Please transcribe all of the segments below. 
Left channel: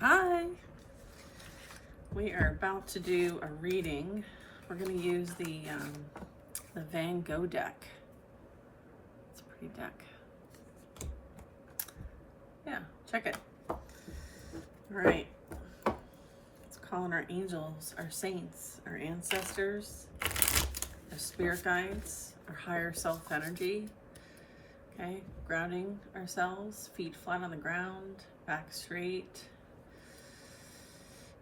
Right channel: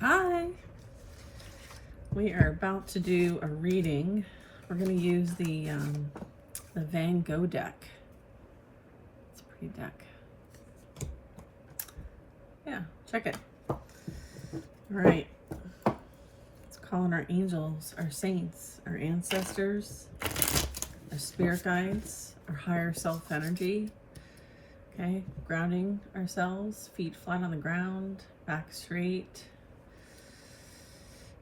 Hi. We are about to do a reading. We're going to use the Van Gogh deck. It's a pretty deck. Yeah, check it. All right. It's calling our angels, our saints, our ancestors, our spirit guides, our higher self energy. Okay, grounding ourselves, feet flat on the ground, back straight.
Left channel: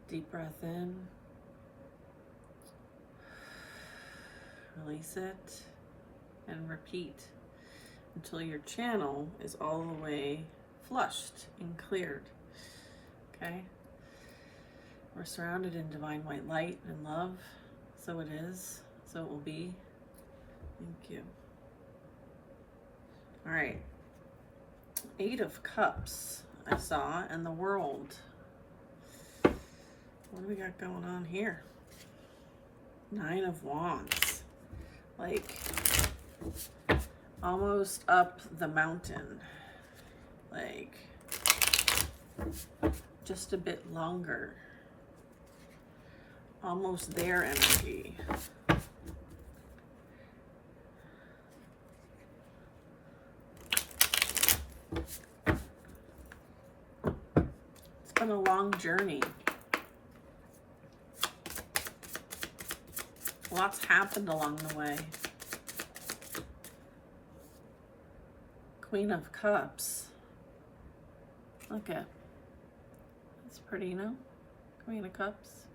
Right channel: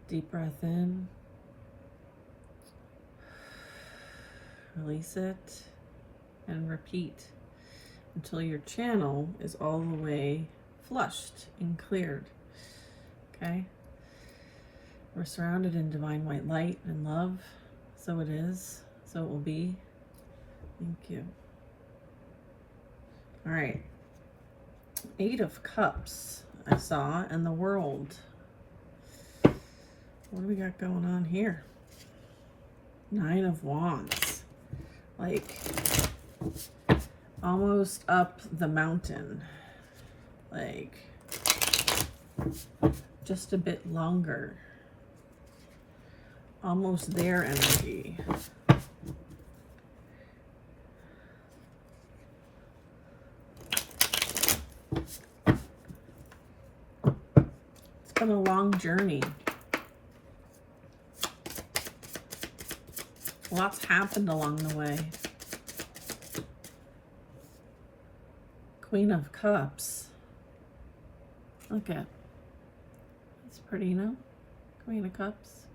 Deep breath in. Release it and repeat until your channel is all the way flushed and cleared. Okay? We're surrounded in divine white light and love. So it is. So it will be. Thank you. All right. 8 of Cups I saw in the world. What do we got going on here? 9 of Wands. Like, almost up the mountain. Like, just a bit longer. Almost there energy. It's been a long journey. Lots happened along the way. Queen of Cups. Look at. That's pretty, you know? Queen of Cups.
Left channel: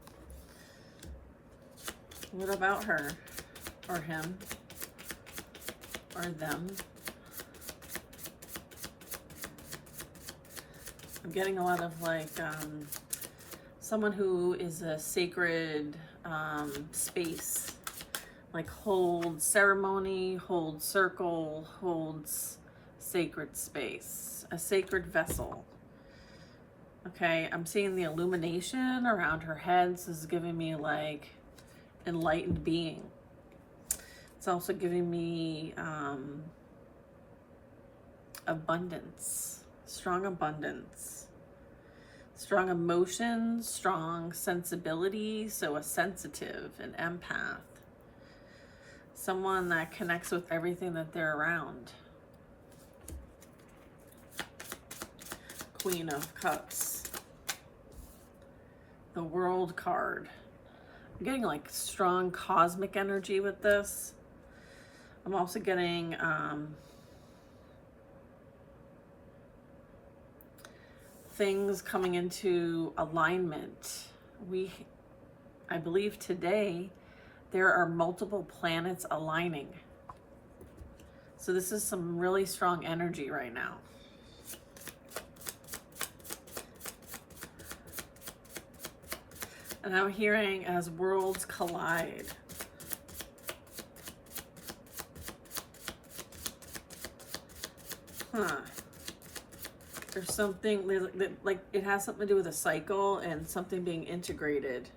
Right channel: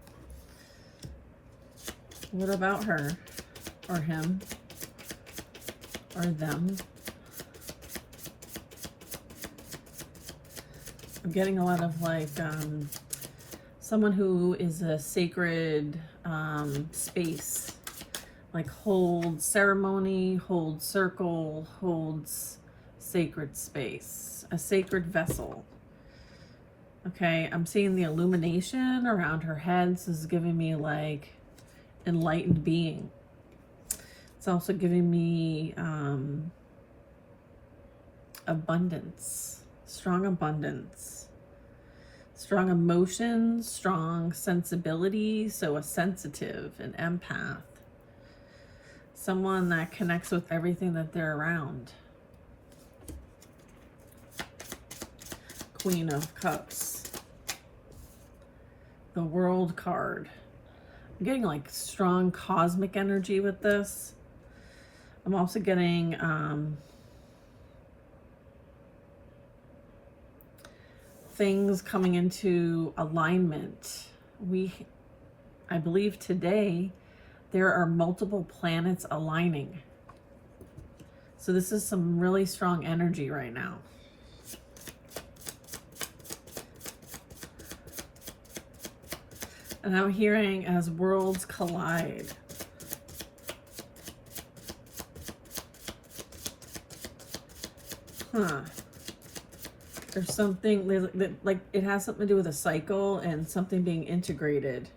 What about her? Or him? Or them? I'm getting a lot of like someone who is a sacred space, like holds ceremony, holds circle, holds sacred space, a sacred vessel. Okay, I'm seeing the illumination around her head. This is giving me like enlightened being. It's also giving me abundance, strong abundance. Strong emotions, strong sensibility, so a sensitive, an empath. Someone that connects with everything that they're around. Queen of Cups. The World card. I'm getting like strong cosmic energy with this. I'm also getting things coming into alignment. I believe today there are multiple planets aligning. So this is some really strong energy right now. And I'm hearing as worlds collide. There's something like it has something to do with a cycle and something being integrated.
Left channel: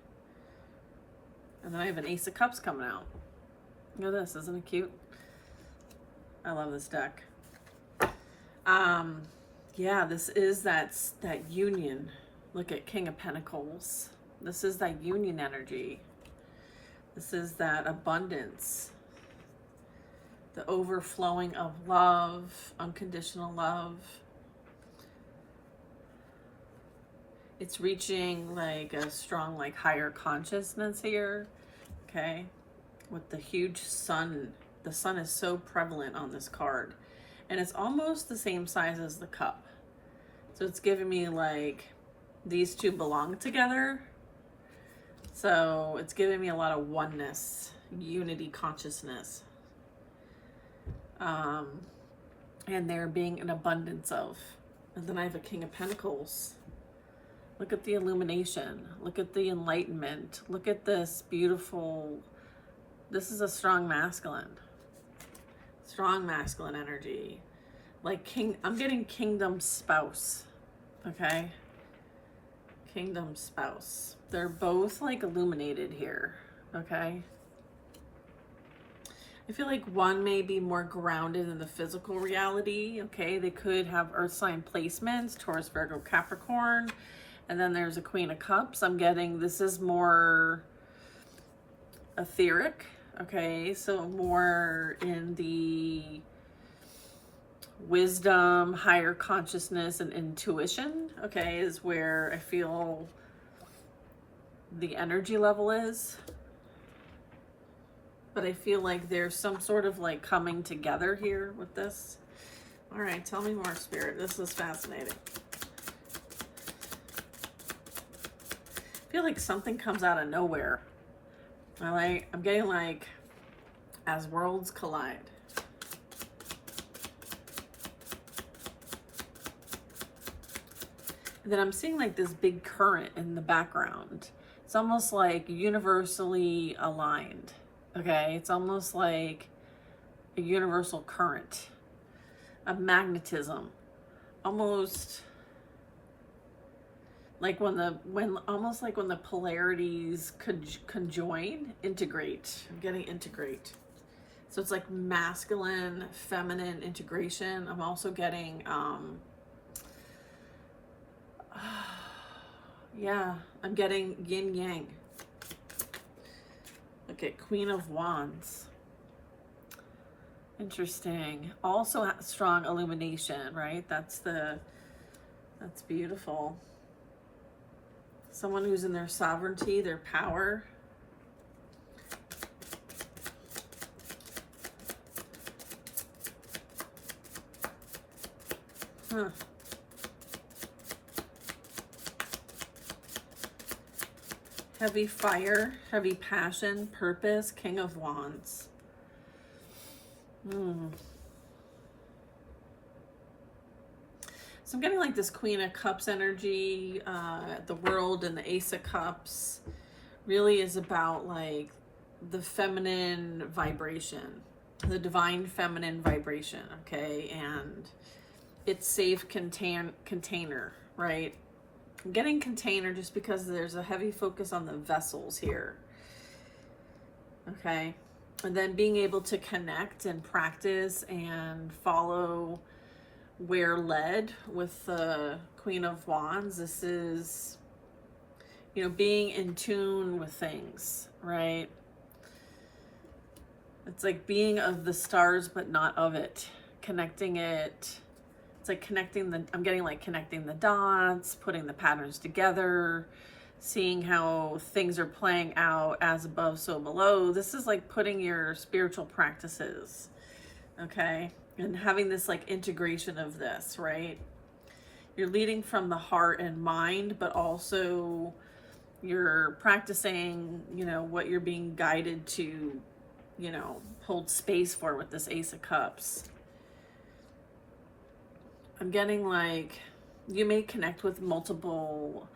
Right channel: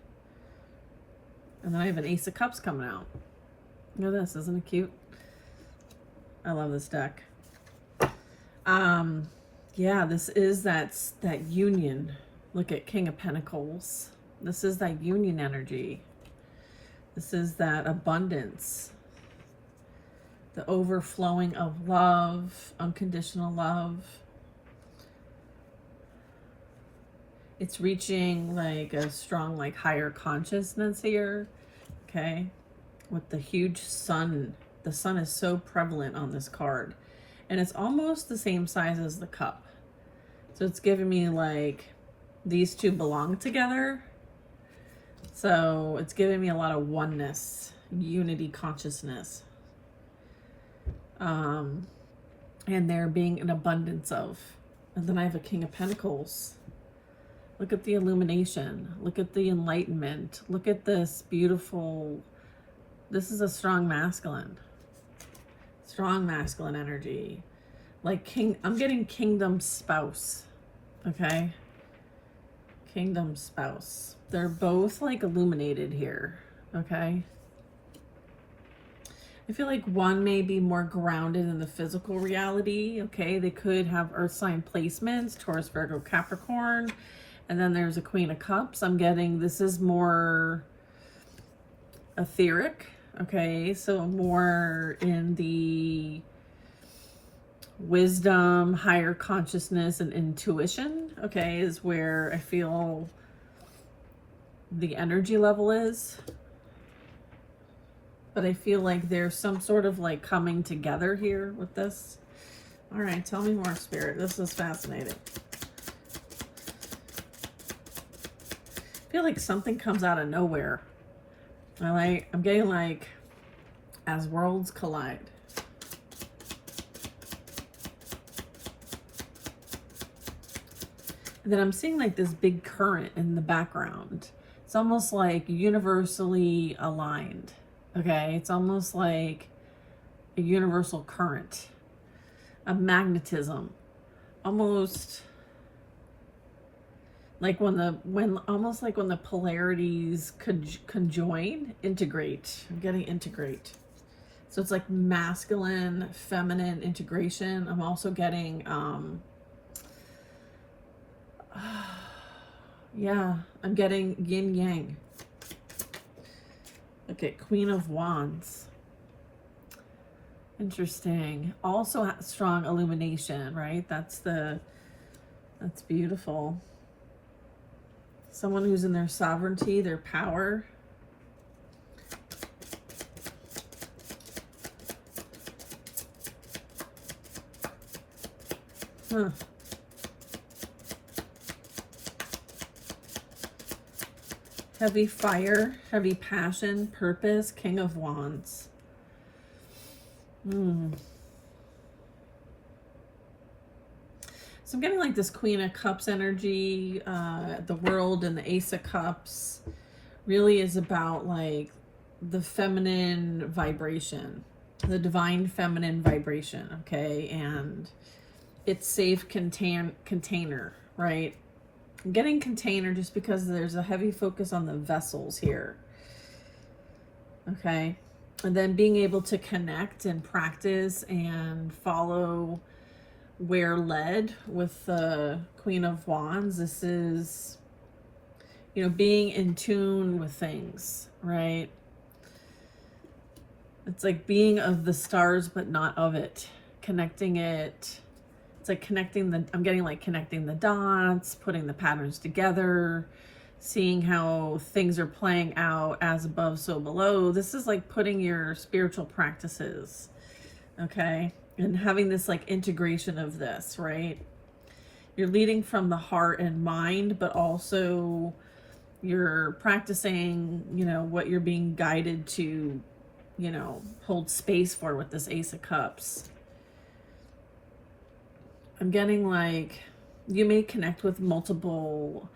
And then I have an Ace of Cups coming out. Look at this, isn't it cute? I love this deck. Yeah, this is that union. Look at King of Pentacles. This is that union energy. This is that abundance. The overflowing of love, unconditional love. It's reaching like a strong, like higher consciousness here, okay? With the huge sun. The sun is so prevalent on this card. And it's almost the same size as the cup. So it's giving me like, these two belong together. So it's giving me a lot of oneness, unity, consciousness. And there being an abundance of. And then I have a King of Pentacles. Look at the illumination. Look at the enlightenment. Look at this beautiful, this is a strong masculine. Strong masculine energy. Like I'm getting kingdom spouse. Okay? Kingdom spouse. They're both like illuminated here. Okay? I feel like one may be more grounded in the physical reality. Okay? They could have earth sign placements, Taurus, Virgo, Capricorn. And then there's a Queen of Cups. I'm getting, this is more etheric, okay? So more in the wisdom, higher consciousness, and intuition, okay, is where I feel the energy level is. But I feel like there's some sort of like coming together here with this. All right, tell me more, Spirit. This is fascinating. I feel like something comes out of nowhere. I'm getting like as worlds collide. And then I'm seeing like this big current in the background. It's almost like universally aligned. Okay, it's almost like a universal current, a magnetism, almost like almost like when the polarities conjoin, integrate. I'm getting integrate. So it's like masculine, feminine integration. I'm also getting, yeah, I'm getting yin yang. Okay, Queen of Wands. Interesting. Also strong illumination, right? That's beautiful. Someone who's in their sovereignty, their power. Huh. Heavy fire, heavy passion, purpose, King of Wands. So I'm getting like this Queen of Cups energy. The World and the Ace of Cups really is about like the feminine vibration, the divine feminine vibration, okay? And it's safe container, right? I'm getting container just because there's a heavy focus on the vessels here. Okay. And then being able to connect and practice and follow where led with the Queen of Wands. This is, you know, being in tune with things, right? It's like being of the stars, but not of it. Connecting it. It's like I'm getting like connecting the dots, putting the patterns together, seeing how things are playing out as above, so below. This is like putting your spiritual practices, okay? And having this like integration of this, right? You're leading from the heart and mind, but also you're practicing, you know, what you're being guided to, you know, hold space for with this Ace of Cups. I'm getting like you may connect with multiple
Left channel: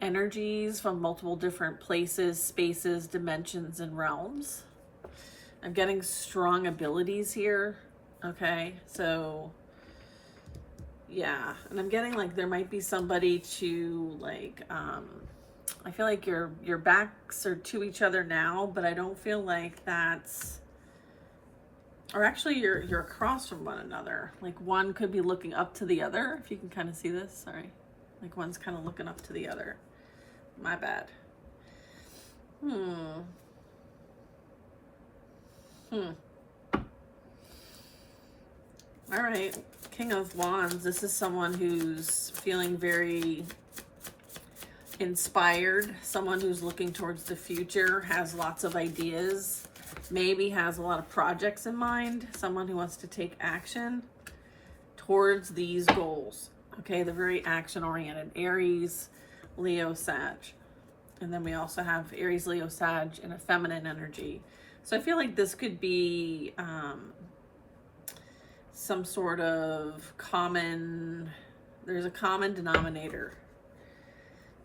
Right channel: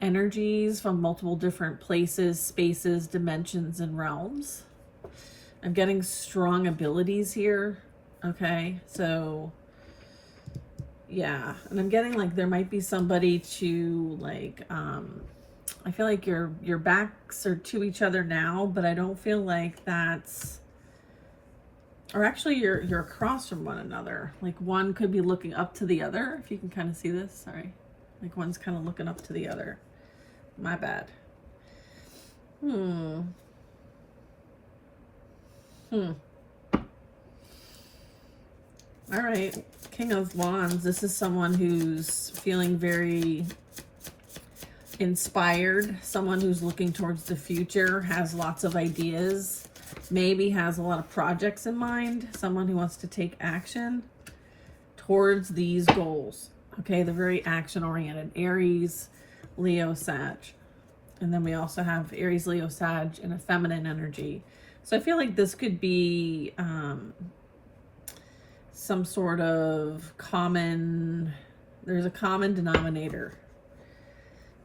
energies from multiple different places, spaces, dimensions, and realms. I'm getting strong abilities here. Okay, so yeah, and I'm getting like there might be somebody to like I feel like your backs are to each other now, but I don't feel like that's, or actually you're across from one another. Like one could be looking up to the other, if you can kind of see this. Sorry, like one's kind of looking up to the other. My bad. All right, King of Wands. This is someone who's feeling very inspired, someone who's looking towards the future, has lots of ideas, maybe has a lot of projects in mind, someone who wants to take action towards these goals. Okay, they're very action-oriented. Aries, Leo, Sag. And then we also have Aries, Leo, Sag in a feminine energy. So I feel like this could be some sort of common, there's a common denominator.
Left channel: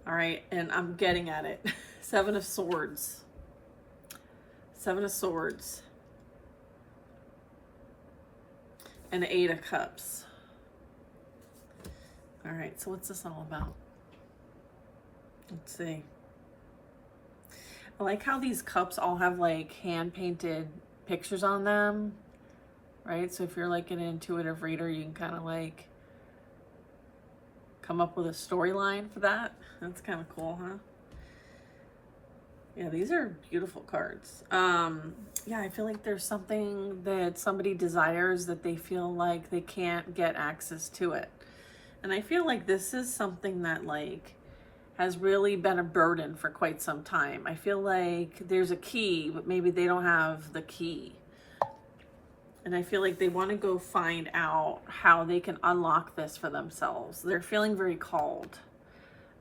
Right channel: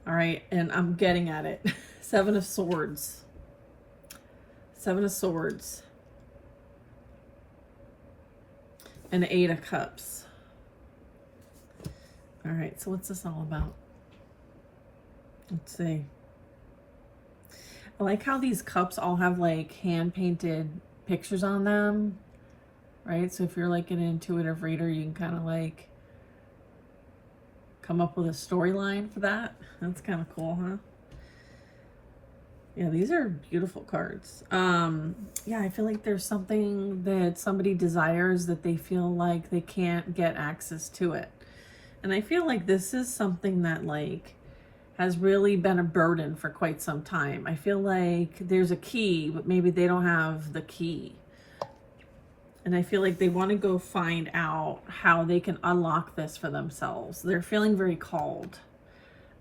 All right, and I'm getting at it. Seven of Swords. Seven of Swords. And Eight of Cups. All right, so what's this all about? Let's see. I like how these cups all have like hand-painted pictures on them, right? So if you're like an intuitive reader, you can kind come up with a storyline for that. That's kind of cool, huh? Yeah, these are beautiful cards. Yeah, I feel like there's something that somebody desires that they feel like they can't get access to it. And I feel like this is something that like has really been a burden for quite some time. I feel like there's a key, but maybe they don't have the key. And I feel like they want to go find out how they can unlock this for themselves. They're feeling very called.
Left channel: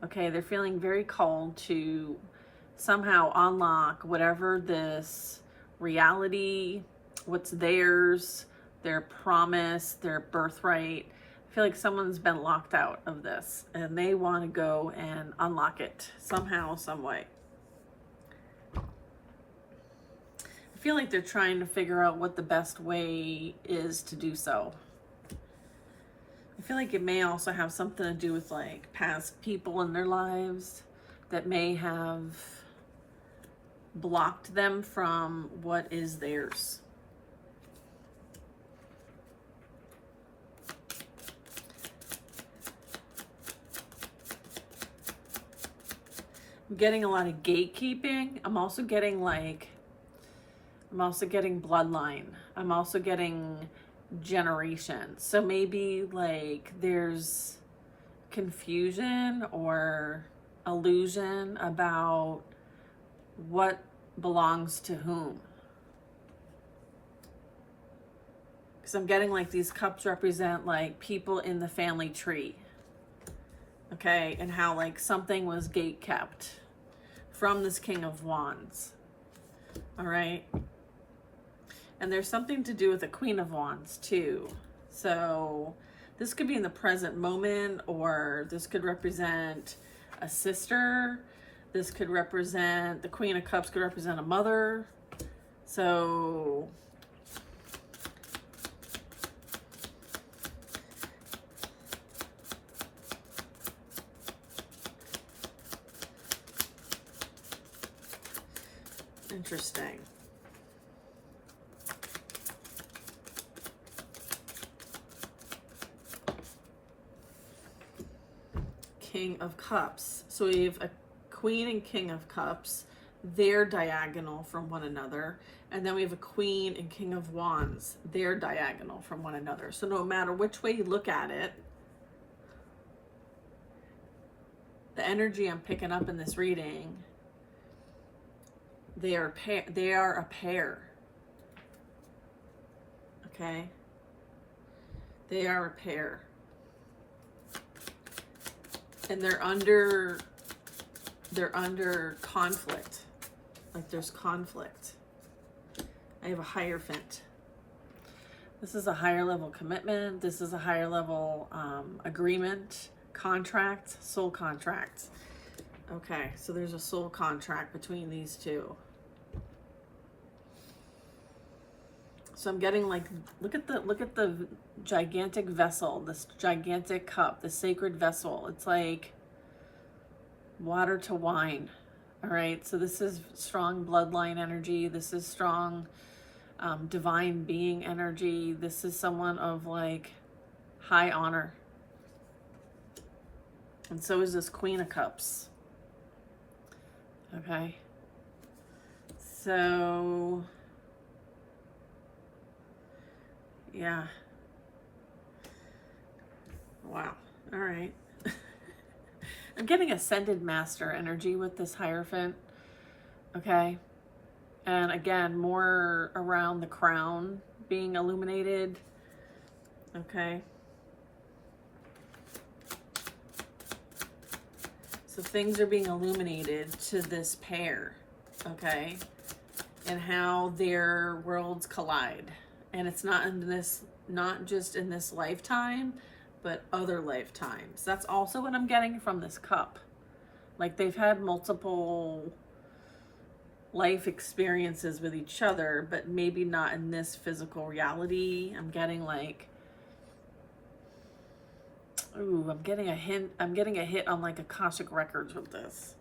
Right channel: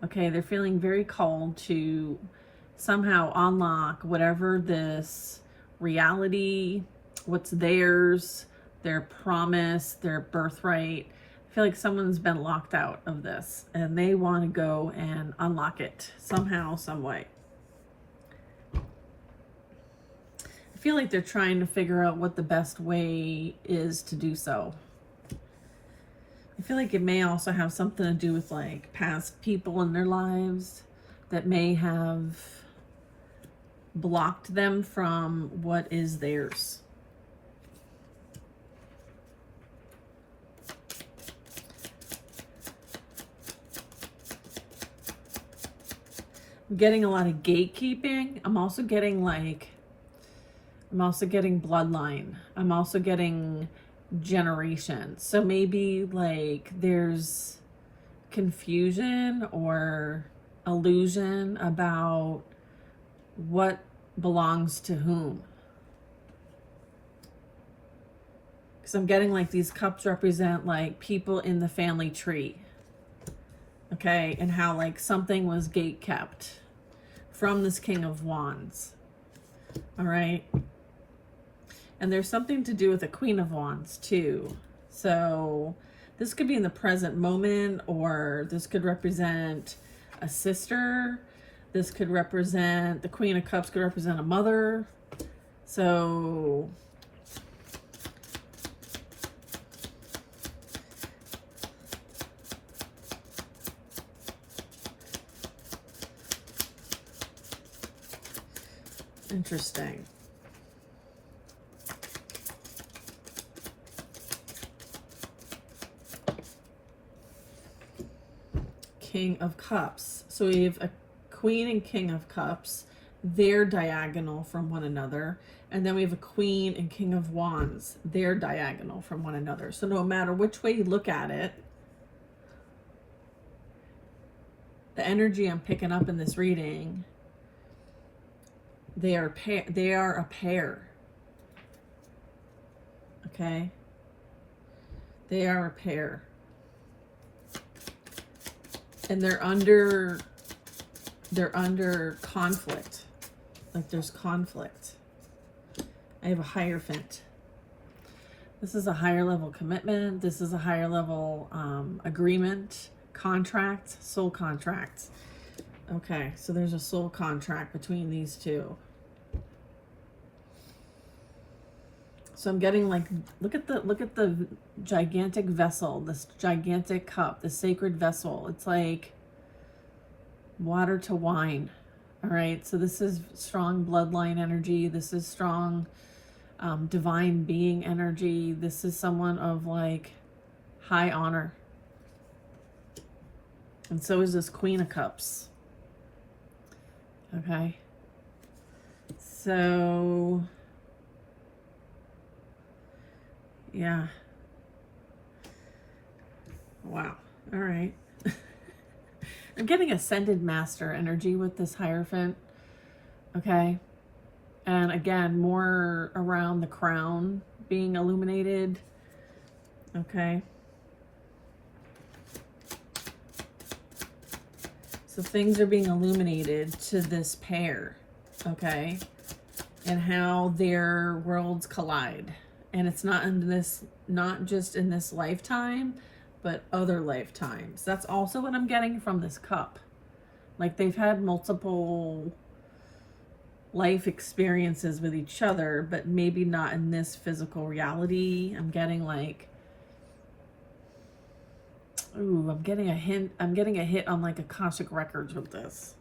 Okay, they're feeling very called to somehow unlock whatever this reality, what's theirs, their promise, their birthright. I feel like someone's been locked out of this and they want to go and unlock it somehow, some way. I feel like they're trying to figure out what the best way is to do so. I feel like it may also have something to do with like past people in their lives that may have blocked them from what is theirs. I'm getting a lot of gatekeeping. I'm also getting bloodline. I'm also getting generations. So maybe like there's confusion or illusion about what belongs to whom. Because I'm getting like these cups represent like people in the family tree. Okay, and how like something was gate kept from this King of Wands. All right. And there's something to do with the Queen of Wands too. So this could be in the present moment, or this could represent a sister. This could represent, the Queen of Cups could represent a mother. So interesting. King of Cups. So we have a Queen and King of Cups. They're diagonal from one another. And then we have a Queen and King of Wands. They're diagonal from one another. So no matter which way you look at it, the energy I'm picking up in this reading, they are a pair. Okay? They are a pair. And they're under conflict. Like there's conflict. I have a Hierophant. This is a higher level commitment. This is a higher level agreement, contract, soul contract. Okay, so there's a soul contract between these two. So I'm getting like, look at the gigantic vessel, this gigantic cup, the sacred vessel. It's like water to wine. All right. So this is strong bloodline energy. This is strong divine being energy. This is someone of like high honor. And so is this Queen of Cups. Okay. So yeah. Wow. All right. I'm getting Ascended Master energy with this Hierophant. Okay. And again, more around the crown being illuminated. Okay. So things are being illuminated to this pair. Okay. And how their worlds collide. And it's not just in this lifetime, but other lifetimes. That's also what I'm getting from this cup. Like they've had multiple life experiences with each other, but maybe not in this physical reality. I'm getting like, ooh, I'm getting a hint. I'm getting a hit on like Akashic Records with this.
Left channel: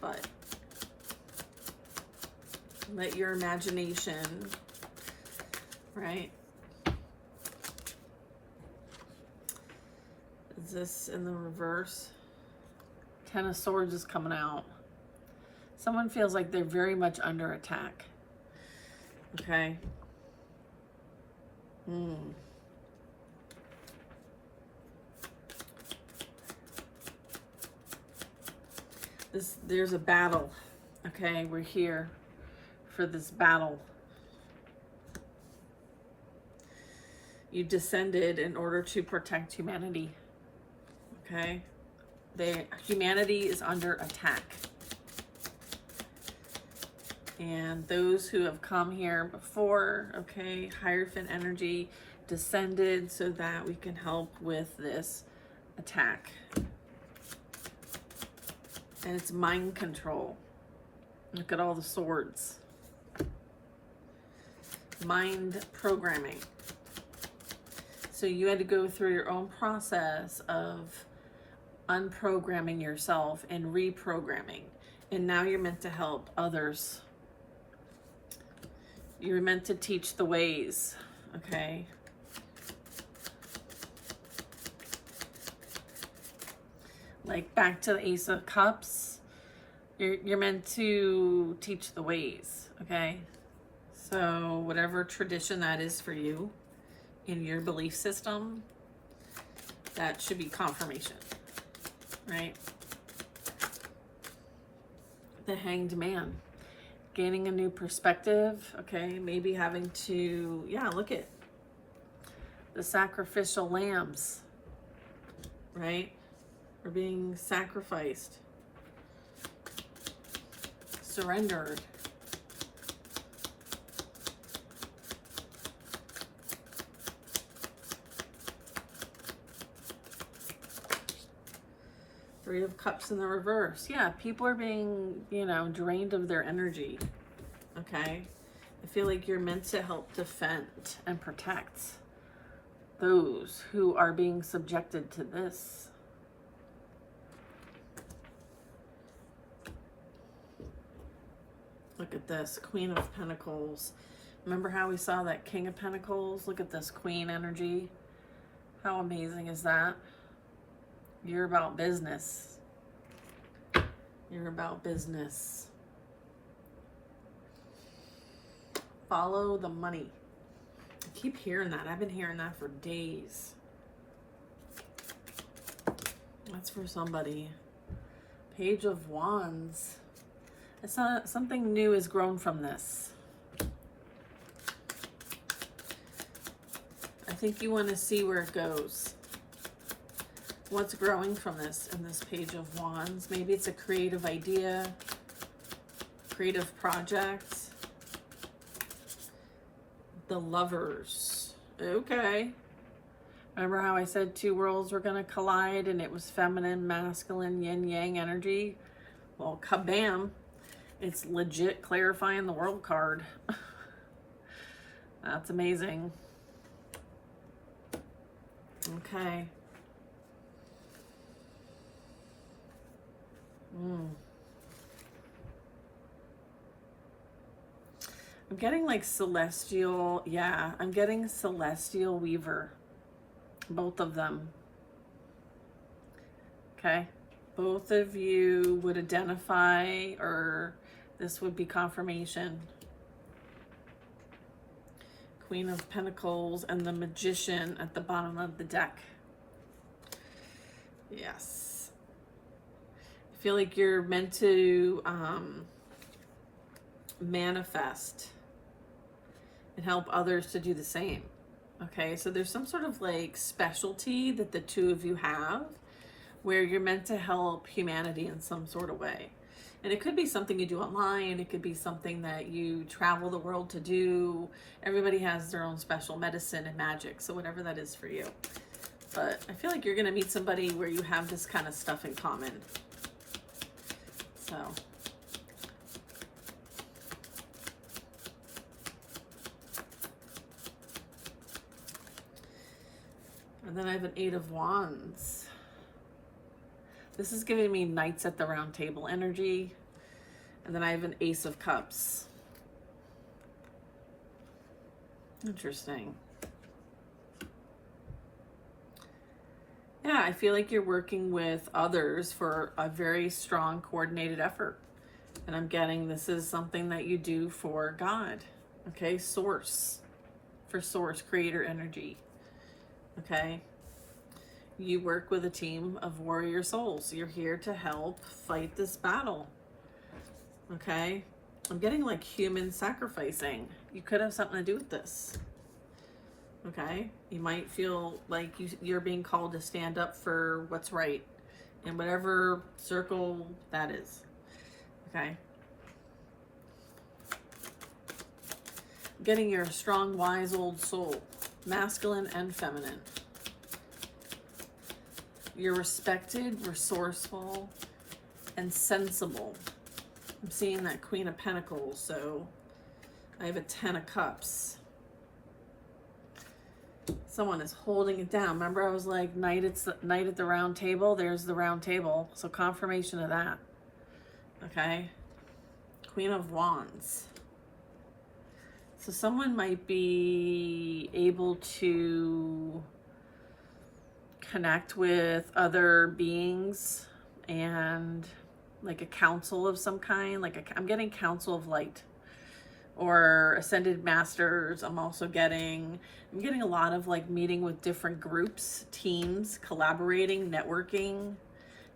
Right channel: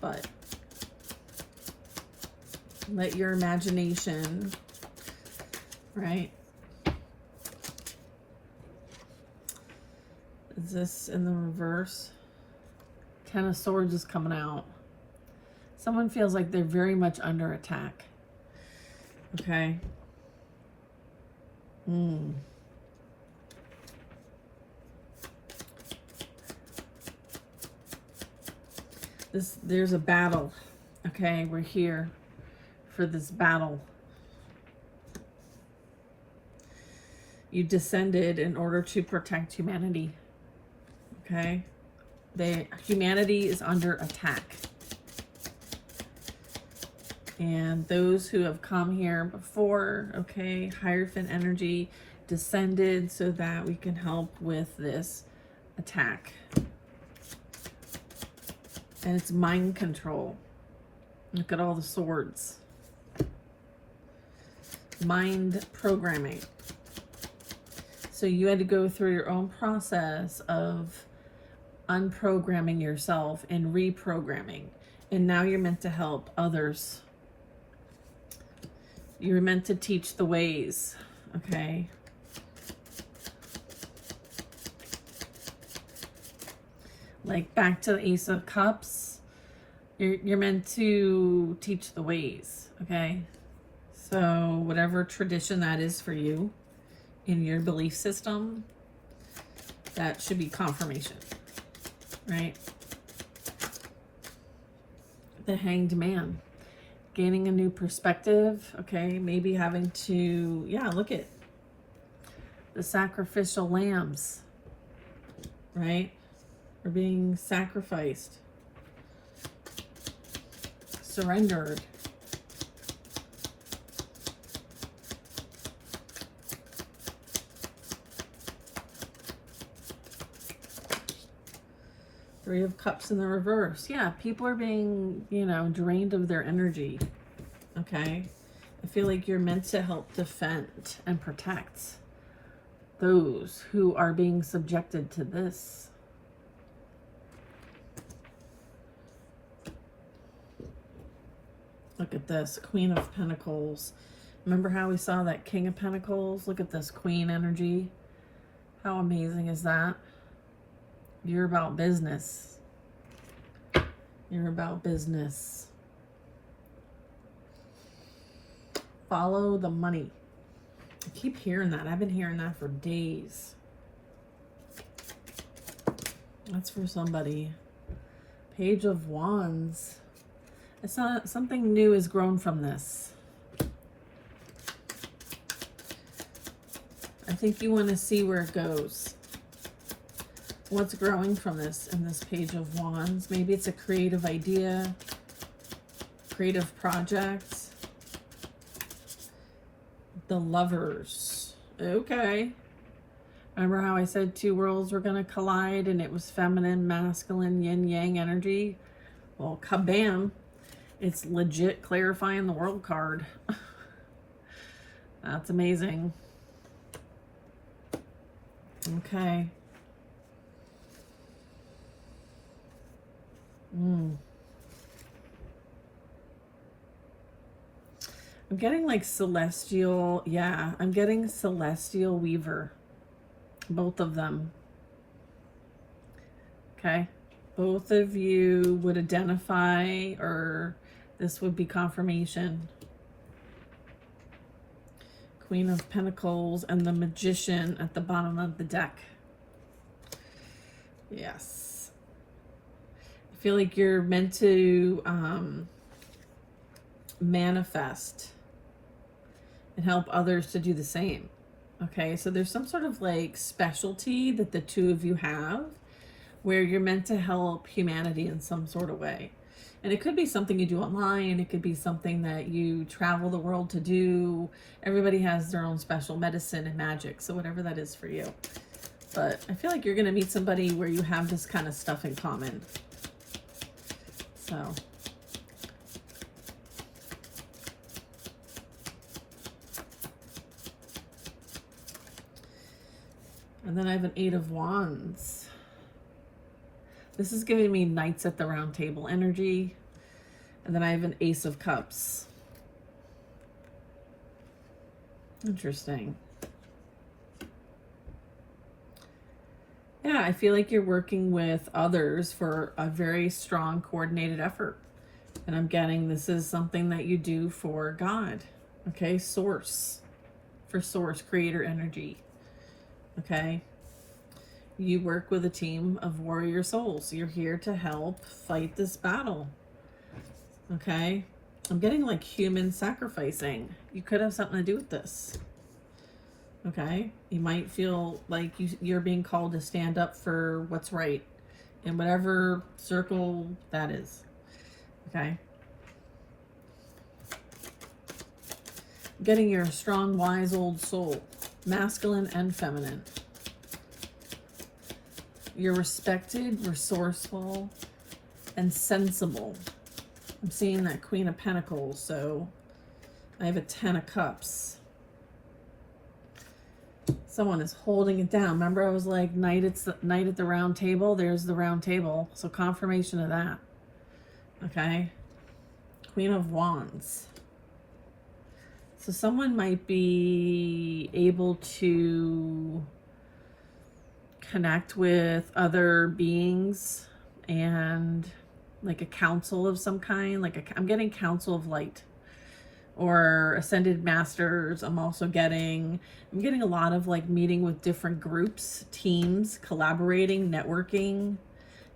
But let your imagination, right? Is this in the reverse? Ten of Swords is coming out. Someone feels like they're very much under attack. Okay. There's a battle. Okay, we're here for this battle. You descended in order to protect humanity. Okay? Humanity is under attack. And those who have come here before, okay, Hierophant energy, descended so that we can help with this attack. And it's mind control. Look at all the swords. Mind programming. So you had to go through your own process of unprogramming yourself and reprogramming. And now you're meant to help others. You're meant to teach the ways, okay? Like back to the Ace of Cups, you're meant to teach the ways, okay? So whatever tradition that is for you in your belief system, that should be confirmation, right? The Hanged Man. Gaining a new perspective, okay? Maybe having to, yeah, look at the sacrificial lambs, right? Are being sacrificed, surrendered. Three of Cups in the reverse. Yeah, people are being, you know, drained of their energy. Okay? I feel like you're meant to help defend and protect those who are being subjected to this. Look at this, Queen of Pentacles. Remember how we saw that King of Pentacles? Look at this Queen energy. How amazing is that? You're about business. You're about business. Follow the money. I keep hearing that. I've been hearing that for days. That's for somebody. Page of Wands. It's not something new has grown from this. I think you want to see where it goes. What's growing from this in this Page of Wands? Maybe it's a creative idea, creative project. The Lovers. Okay. Remember how I said two worlds were going to collide and it was feminine, masculine, yin yang energy? Well, kabam. It's legit clarifying the world card. That's amazing. Okay. I'm getting like celestial, yeah, I'm getting celestial weaver. Both of them. Okay. Both of you would identify, or this would be confirmation. Queen of Pentacles and the Magician at the bottom of the deck. Yes. I feel like you're meant to manifest and help others to do the same. Okay, so there's some sort of like specialty that the two of you have where you're meant to help humanity in some sort of way. And it could be something you do online. It could be something that you travel the world to do. Everybody has their own special medicine and magic. So whatever that is for you. But I feel like you're going to meet somebody where you have this kind of stuff in common. So. And then I have an Eight of Wands. This is giving me Knights at the Round Table energy. And then I have an Ace of Cups. Interesting. Yeah, I feel like you're working with others for a very strong coordinated effort. And I'm getting this is something that you do for God. Okay, source. For source, creator energy. Okay. You work with a team of warrior souls. You're here to help fight this battle. Okay. I'm getting like human sacrificing. You could have something to do with this. Okay. You might feel like you're being called to stand up for what's right in whatever circle that is. Okay. Getting your strong, wise old soul, masculine and feminine. You're respected, resourceful, and sensible. I'm seeing that Queen of Pentacles, so I have a 10 of Cups. Someone is holding it down. Remember I was like, night at the round table? There's the round table. So confirmation of that. Okay. Queen of Wands. So someone might be able to connect with other beings and like a council of some kind. I'm getting council of light or ascended masters. I'm getting a lot of like meeting with different groups, teams, collaborating, networking,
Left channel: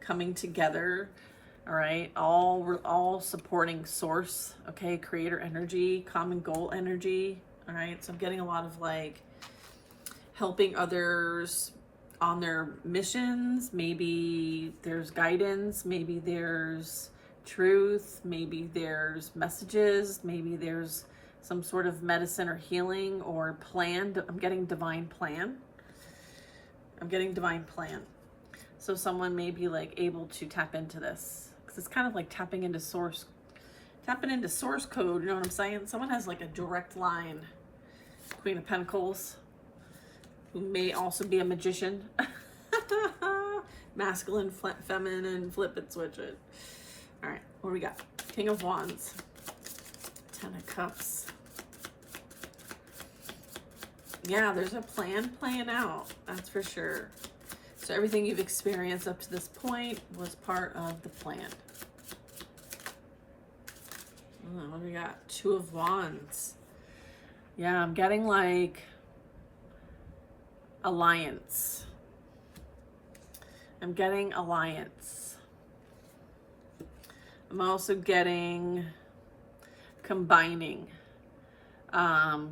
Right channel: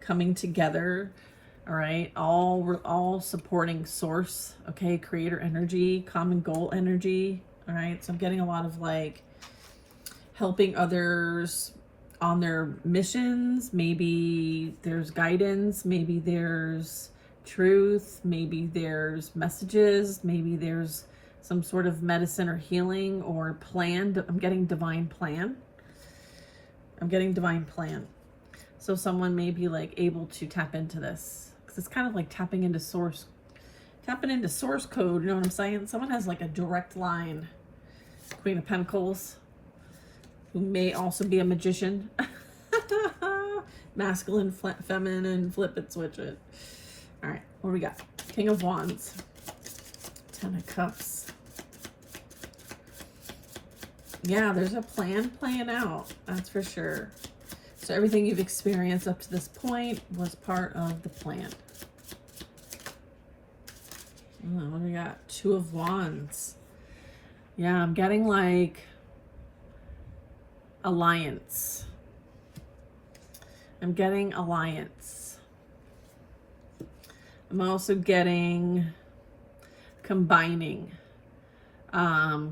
coming together. All right, we're all supporting source. Okay, creator energy, common goal energy. All right, so I'm getting a lot of like helping others on their missions. Maybe there's guidance, maybe there's truth, maybe there's messages, maybe there's some sort of medicine or healing or plan. I'm getting divine plan. So someone may be like able to tap into this. It's kind of like tapping into source code, you know what I'm saying? Someone has like a direct line. Queen of Pentacles, who may also be a magician. Masculine, feminine, flip it, switch it. All right, what do we got? King of Wands, 10 of Cups. Yeah, there's a plan playing out, that's for sure. So everything you've experienced up to this point was part of the plan. What do we got? 2 of Wands. Yeah, I'm getting like alliance. I'm getting alliance. I'm also getting combining.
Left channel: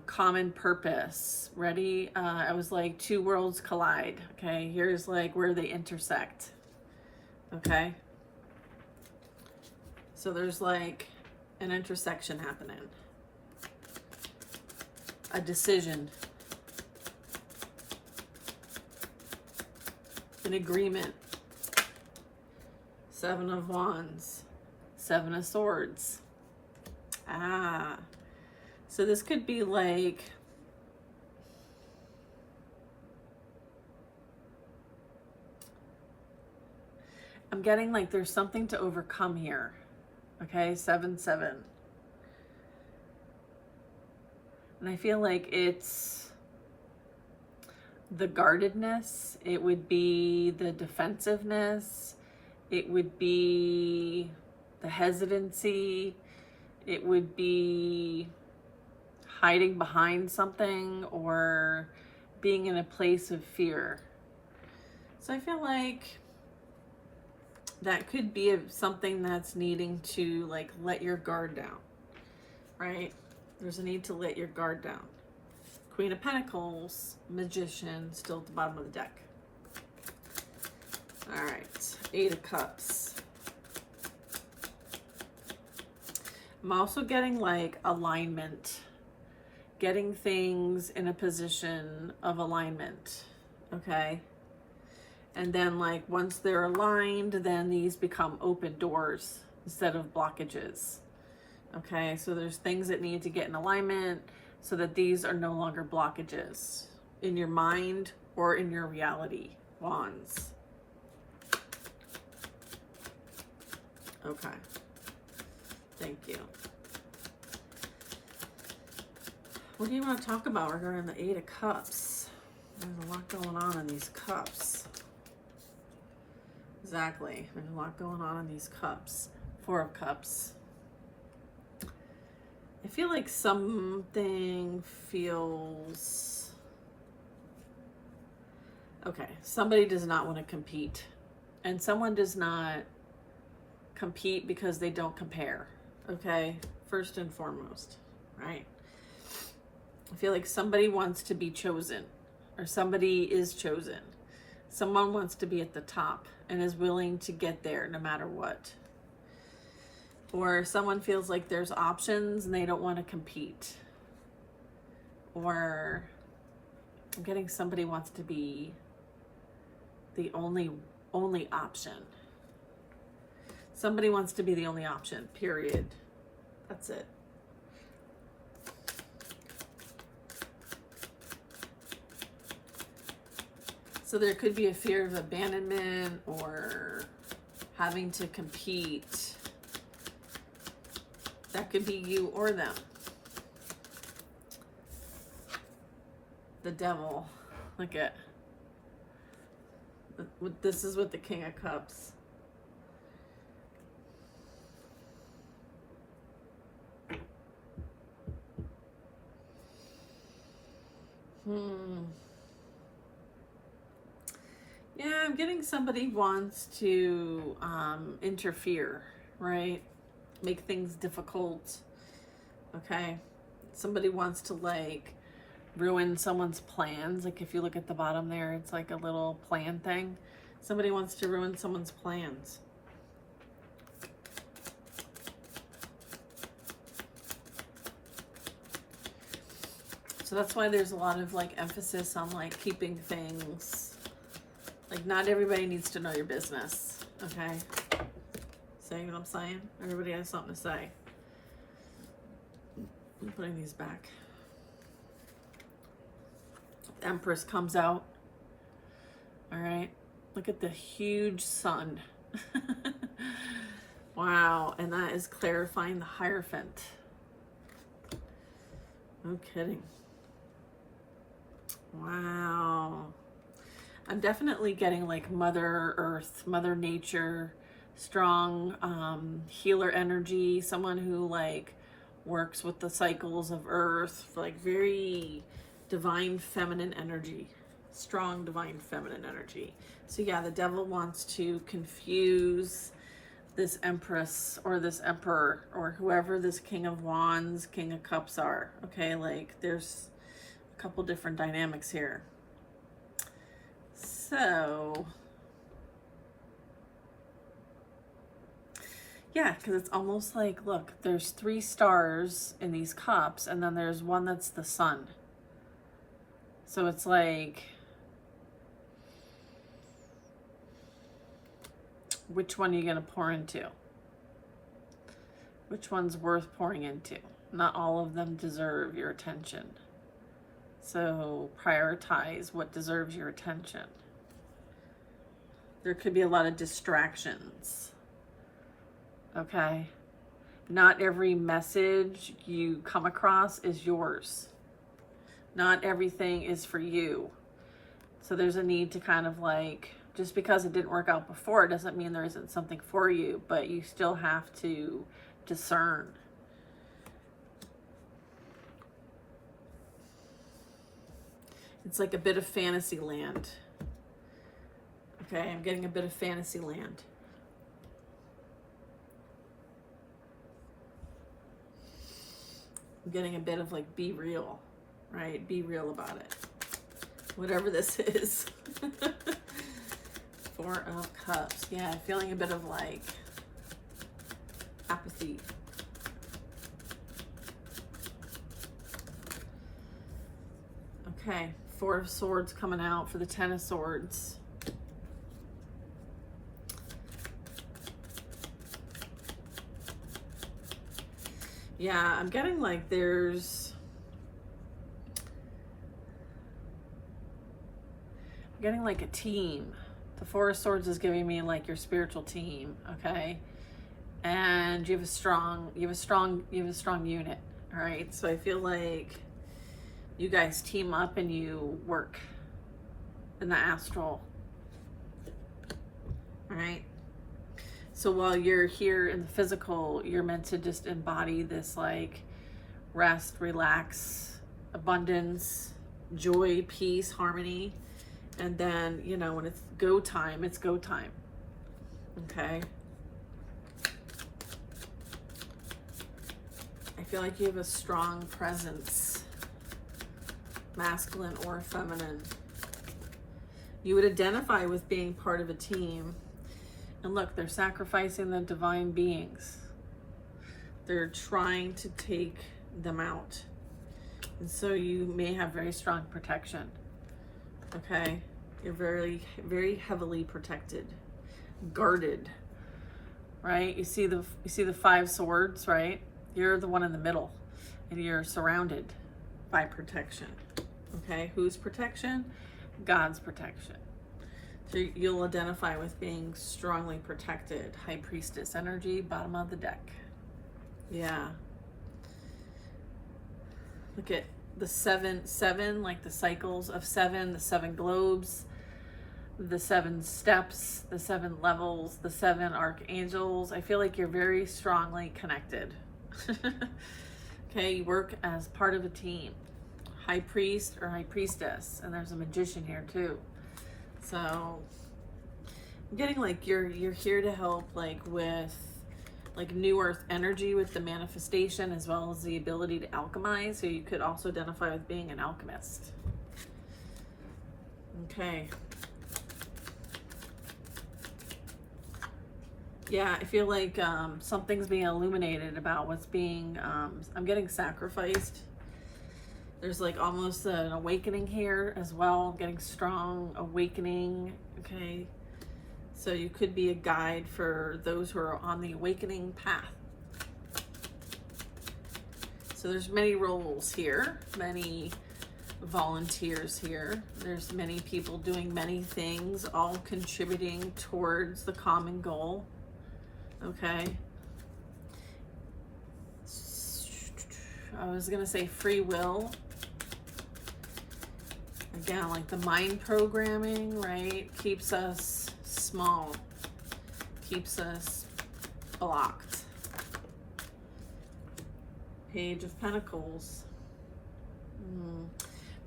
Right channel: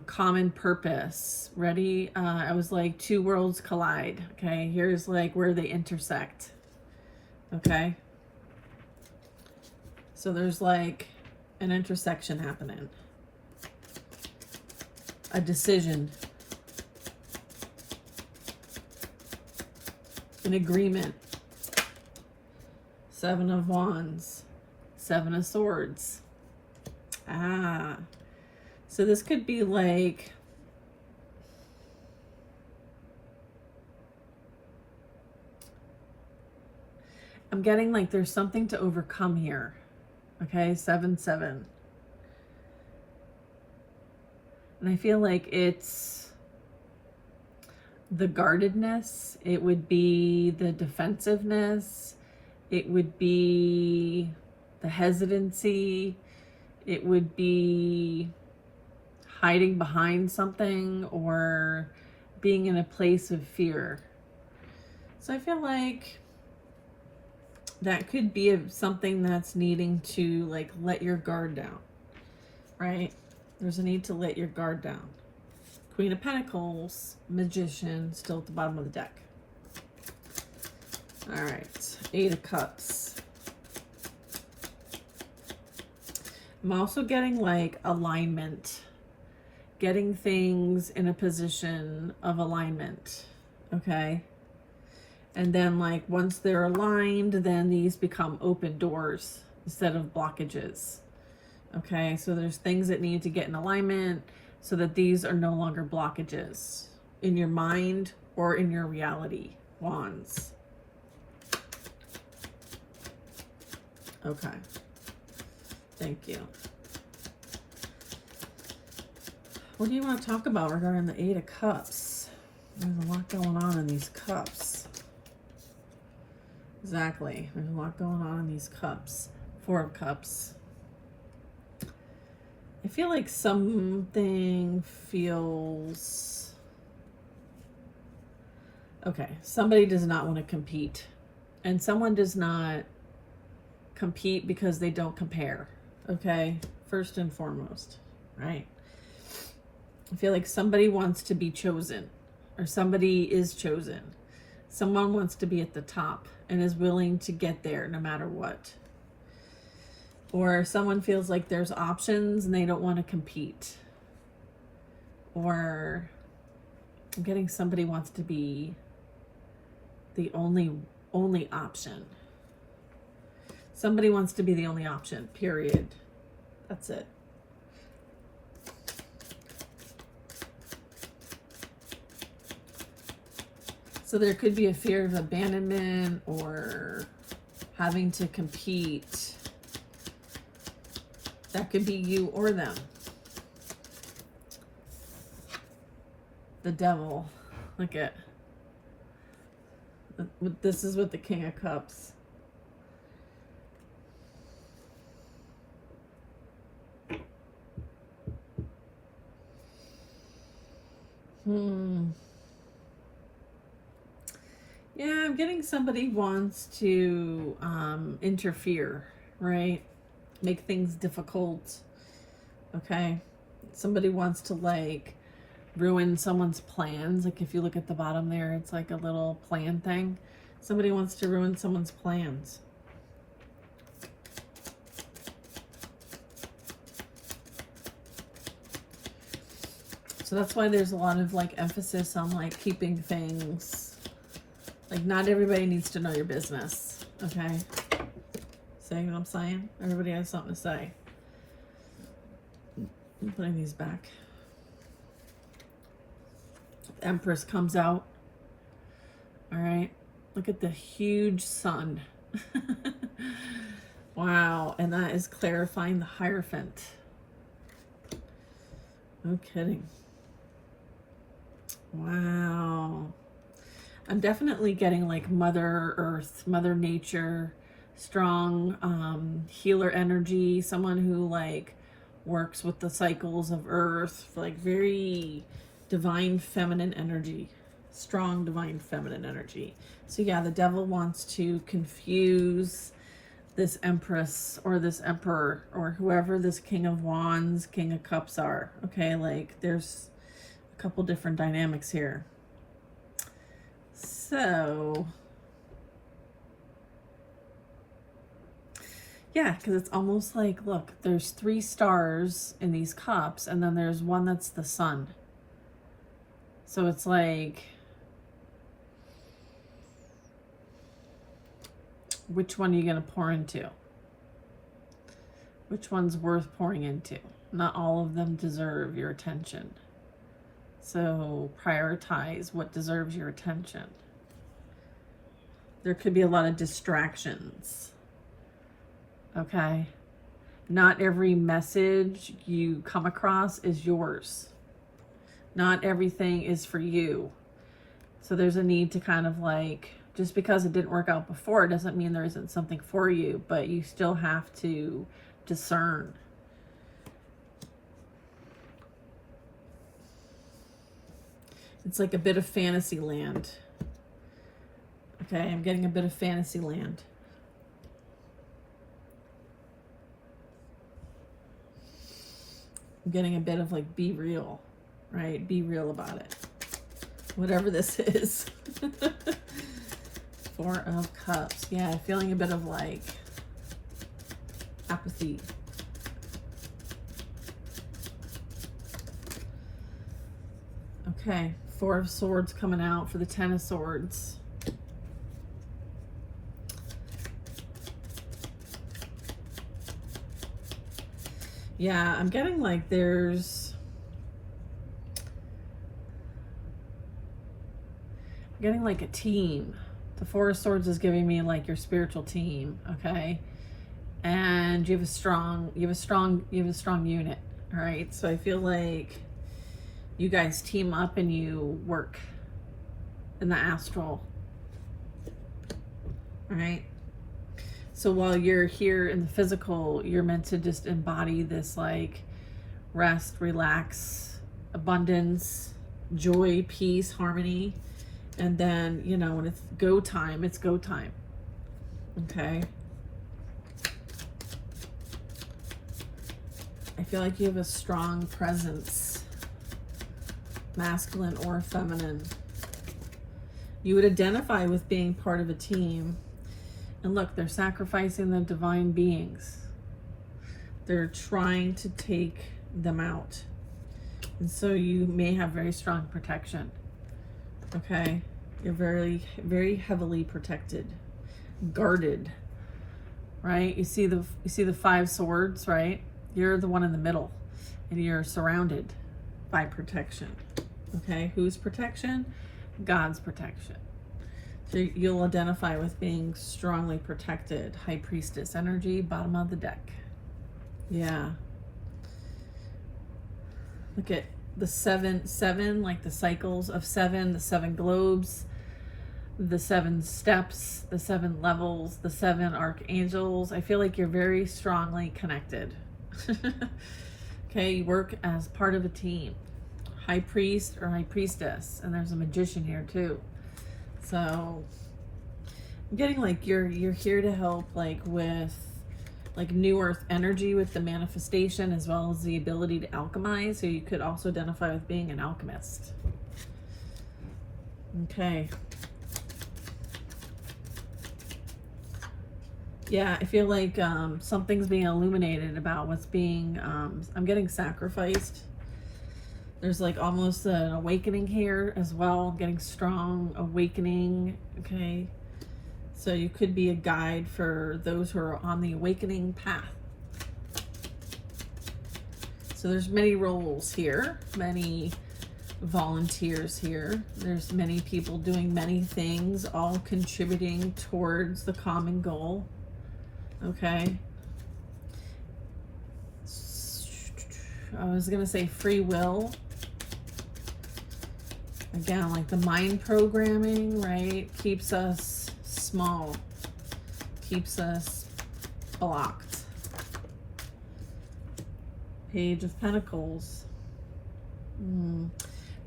Common purpose. Ready? I was like 2 worlds collide. Okay, here's like where they intersect. Okay, so there's like an intersection happening, a decision, an agreement. 7 of Wands, 7 of Swords. So this could be like I'm getting like there's something to overcome here. Okay, 7-7. And I feel like it's the guardedness. It would be the defensiveness. It would be the hesitancy. It would be hiding behind something or being in a place of fear. So I feel like that could be something that's needing to like let your guard down, right? There's a need to let your guard down. Queen of Pentacles, Magician, still at the bottom of the deck. All right, 8 of Cups. I'm also getting like alignment, getting things in a position of alignment, okay? And then like once they're aligned, then these become open doors instead of blockages. Okay, so there's things that need to get in alignment so that these are no longer blockages in your mind or in your reality. Wands. Okay. Thank you. What do you want to talk about regarding the 8 of Cups? There's a lot going on in these cups. exactly. There's a lot going on in these cups. Four of Cups. I feel like something feels... Okay, somebody does not want to compete. And someone does not compete because they don't compare. Okay? First and foremost. Right? I feel like somebody wants to be chosen. Or somebody is chosen. Someone wants to be at the top and is willing to get there no matter what. Or someone feels like there's options and they don't want to compete. Or I'm getting somebody wants to be the only option. Somebody wants to be the only option, period. That's it. So there could be a fear of abandonment or having to compete. That could be you or them. The Devil. Look at. This is with the King of Cups. Yeah, I'm getting somebody wants to interfere, right? Make things difficult. Okay? Somebody wants to like ruin someone's plans. Like if you look at the bottom there, it's like a little plan thing. Somebody wants to ruin someone's plans. So that's why there's a lot of like emphasis on like keeping things, like not everybody needs to know your business. Okay? See what I'm saying? Everybody has something to say. I'm putting these back. Empress comes out. All right. Look at the huge sun. Wow. And that is clarifying the Hierophant. No kidding. Wow. I'm definitely getting like Mother Earth, Mother Nature, strong healer energy, someone who like works with the cycles of Earth, like very divine feminine energy, strong divine feminine energy. So yeah, the Devil wants to confuse this Empress or this Emperor or whoever this King of Wands, King of Cups are. Okay, like there's a couple different dynamics here. So yeah, because it's almost like, look, there's 3 stars in these cups, and then there's one that's the sun. So it's like, which one are you going to pour into? Which one's worth pouring into? Not all of them deserve your attention. So prioritize what deserves your attention. There could be a lot of distractions. Okay? Not every message you come across is yours. Not everything is for you. So there's a need to kind of like, just because it didn't work out before doesn't mean there isn't something for you, but you still have to discern. It's like a bit of fantasy land. Okay, I'm getting a bit of fantasy land. I'm getting a bit of like, be real, right? Be real about it. Whatever this is. 4 of Cups. Yeah, feeling a bit of like apathy. Okay, 4 of Swords coming out for the 10 of Swords. Yeah, I'm getting like I'm getting like a team. The 4 of Swords is giving me like your spiritual team, okay? And you have a strong unit, all right? So I feel like you guys team up and you work in the astral. All right. So while you're here in the physical, you're meant to just embody this like rest, relax, abundance, joy, peace, harmony. And then, you know, when it's go time, it's go time. Okay. I feel like you have a strong presence, masculine or feminine. You would identify with being part of a team. And look, they're sacrificing the divine beings. They're trying to take them out. And so you may have very strong protection. Okay? You're very, very heavily protected, guarded, right? You see the 5 swords, right? You're the one in the middle, and you're surrounded by protection. Okay? Whose protection? God's protection. So you'll identify with being strongly protected. High Priestess energy, bottom of the deck. Yeah. Look at the seven, like the cycles of 7, the 7 globes, the 7 steps, the 7 levels, the 7 archangels. I feel like you're very strongly connected. Okay, you work as part of a team. High priest or high priestess, and there's a magician here too. So I'm getting like you're here to help like with like new earth energy with the manifestation, as well as the ability to alchemize. So you could also identify with being an alchemist. Okay. Yeah, I feel like something's being illuminated about what's being, I'm getting sacrificed. There's like almost an awakening here as well. I'm getting strong awakening, okay? So you could be a guide for those who are on the awakening path. So there's many roles here, many volunteers here. There's many people doing many things, all contributing towards the common goal. Okay. I was going to say free will. Again, like the mind programming, right? Keeps us small. Keeps us blocked. Page of Pentacles.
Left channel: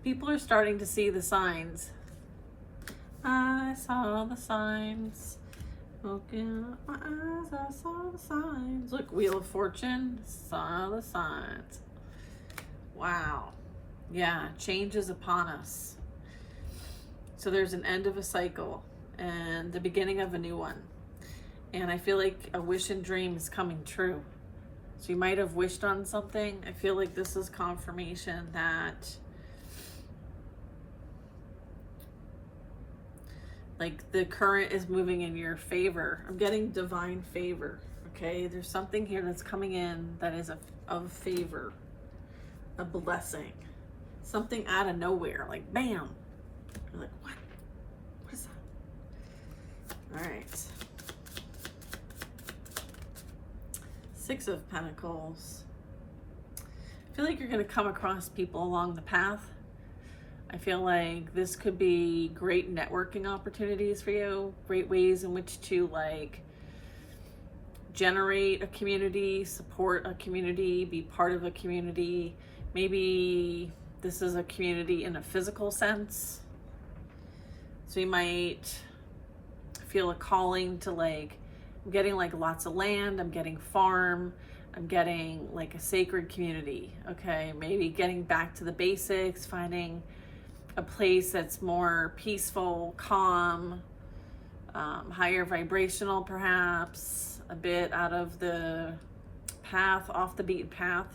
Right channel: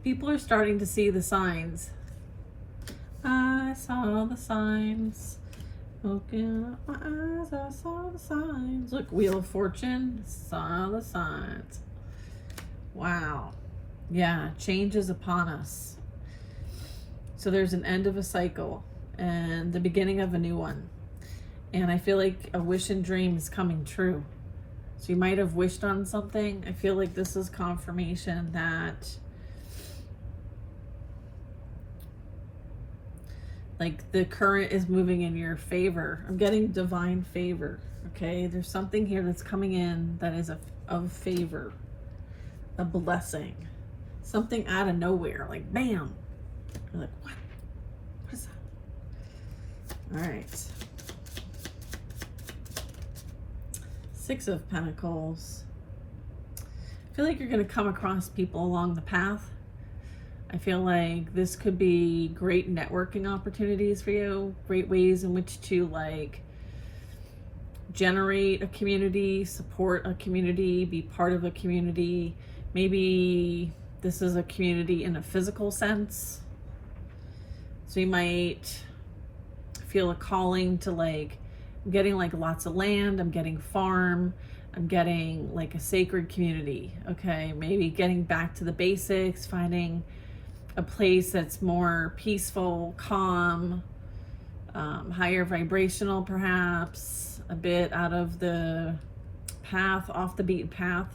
People are starting to see the signs. I saw the signs. Looking at my eyes, I saw the signs. Look, Wheel of Fortune, saw the signs. Wow. Yeah, change is upon us. So there's an end of a cycle and the beginning of a new one. And I feel like a wish and dream is coming true. So you might have wished on something. I feel like this is confirmation that like the current is moving in your favor. I'm getting divine favor. Okay, there's something here that's coming in that is of favor, a blessing, something out of nowhere, like bam. You're like, what is that? All right. 6 of Pentacles. I feel like you're going to come across people along the path. I feel like this could be great networking opportunities for you, great ways in which to like generate a community, support a community, be part of a community. Maybe this is a community in a physical sense. So you might feel a calling to like, I'm getting like lots of land, I'm getting farm, I'm getting like a sacred community. Okay, maybe getting back to the basics, finding a place that's more peaceful, calm, higher vibrational perhaps, a bit out of the path, off the beaten path.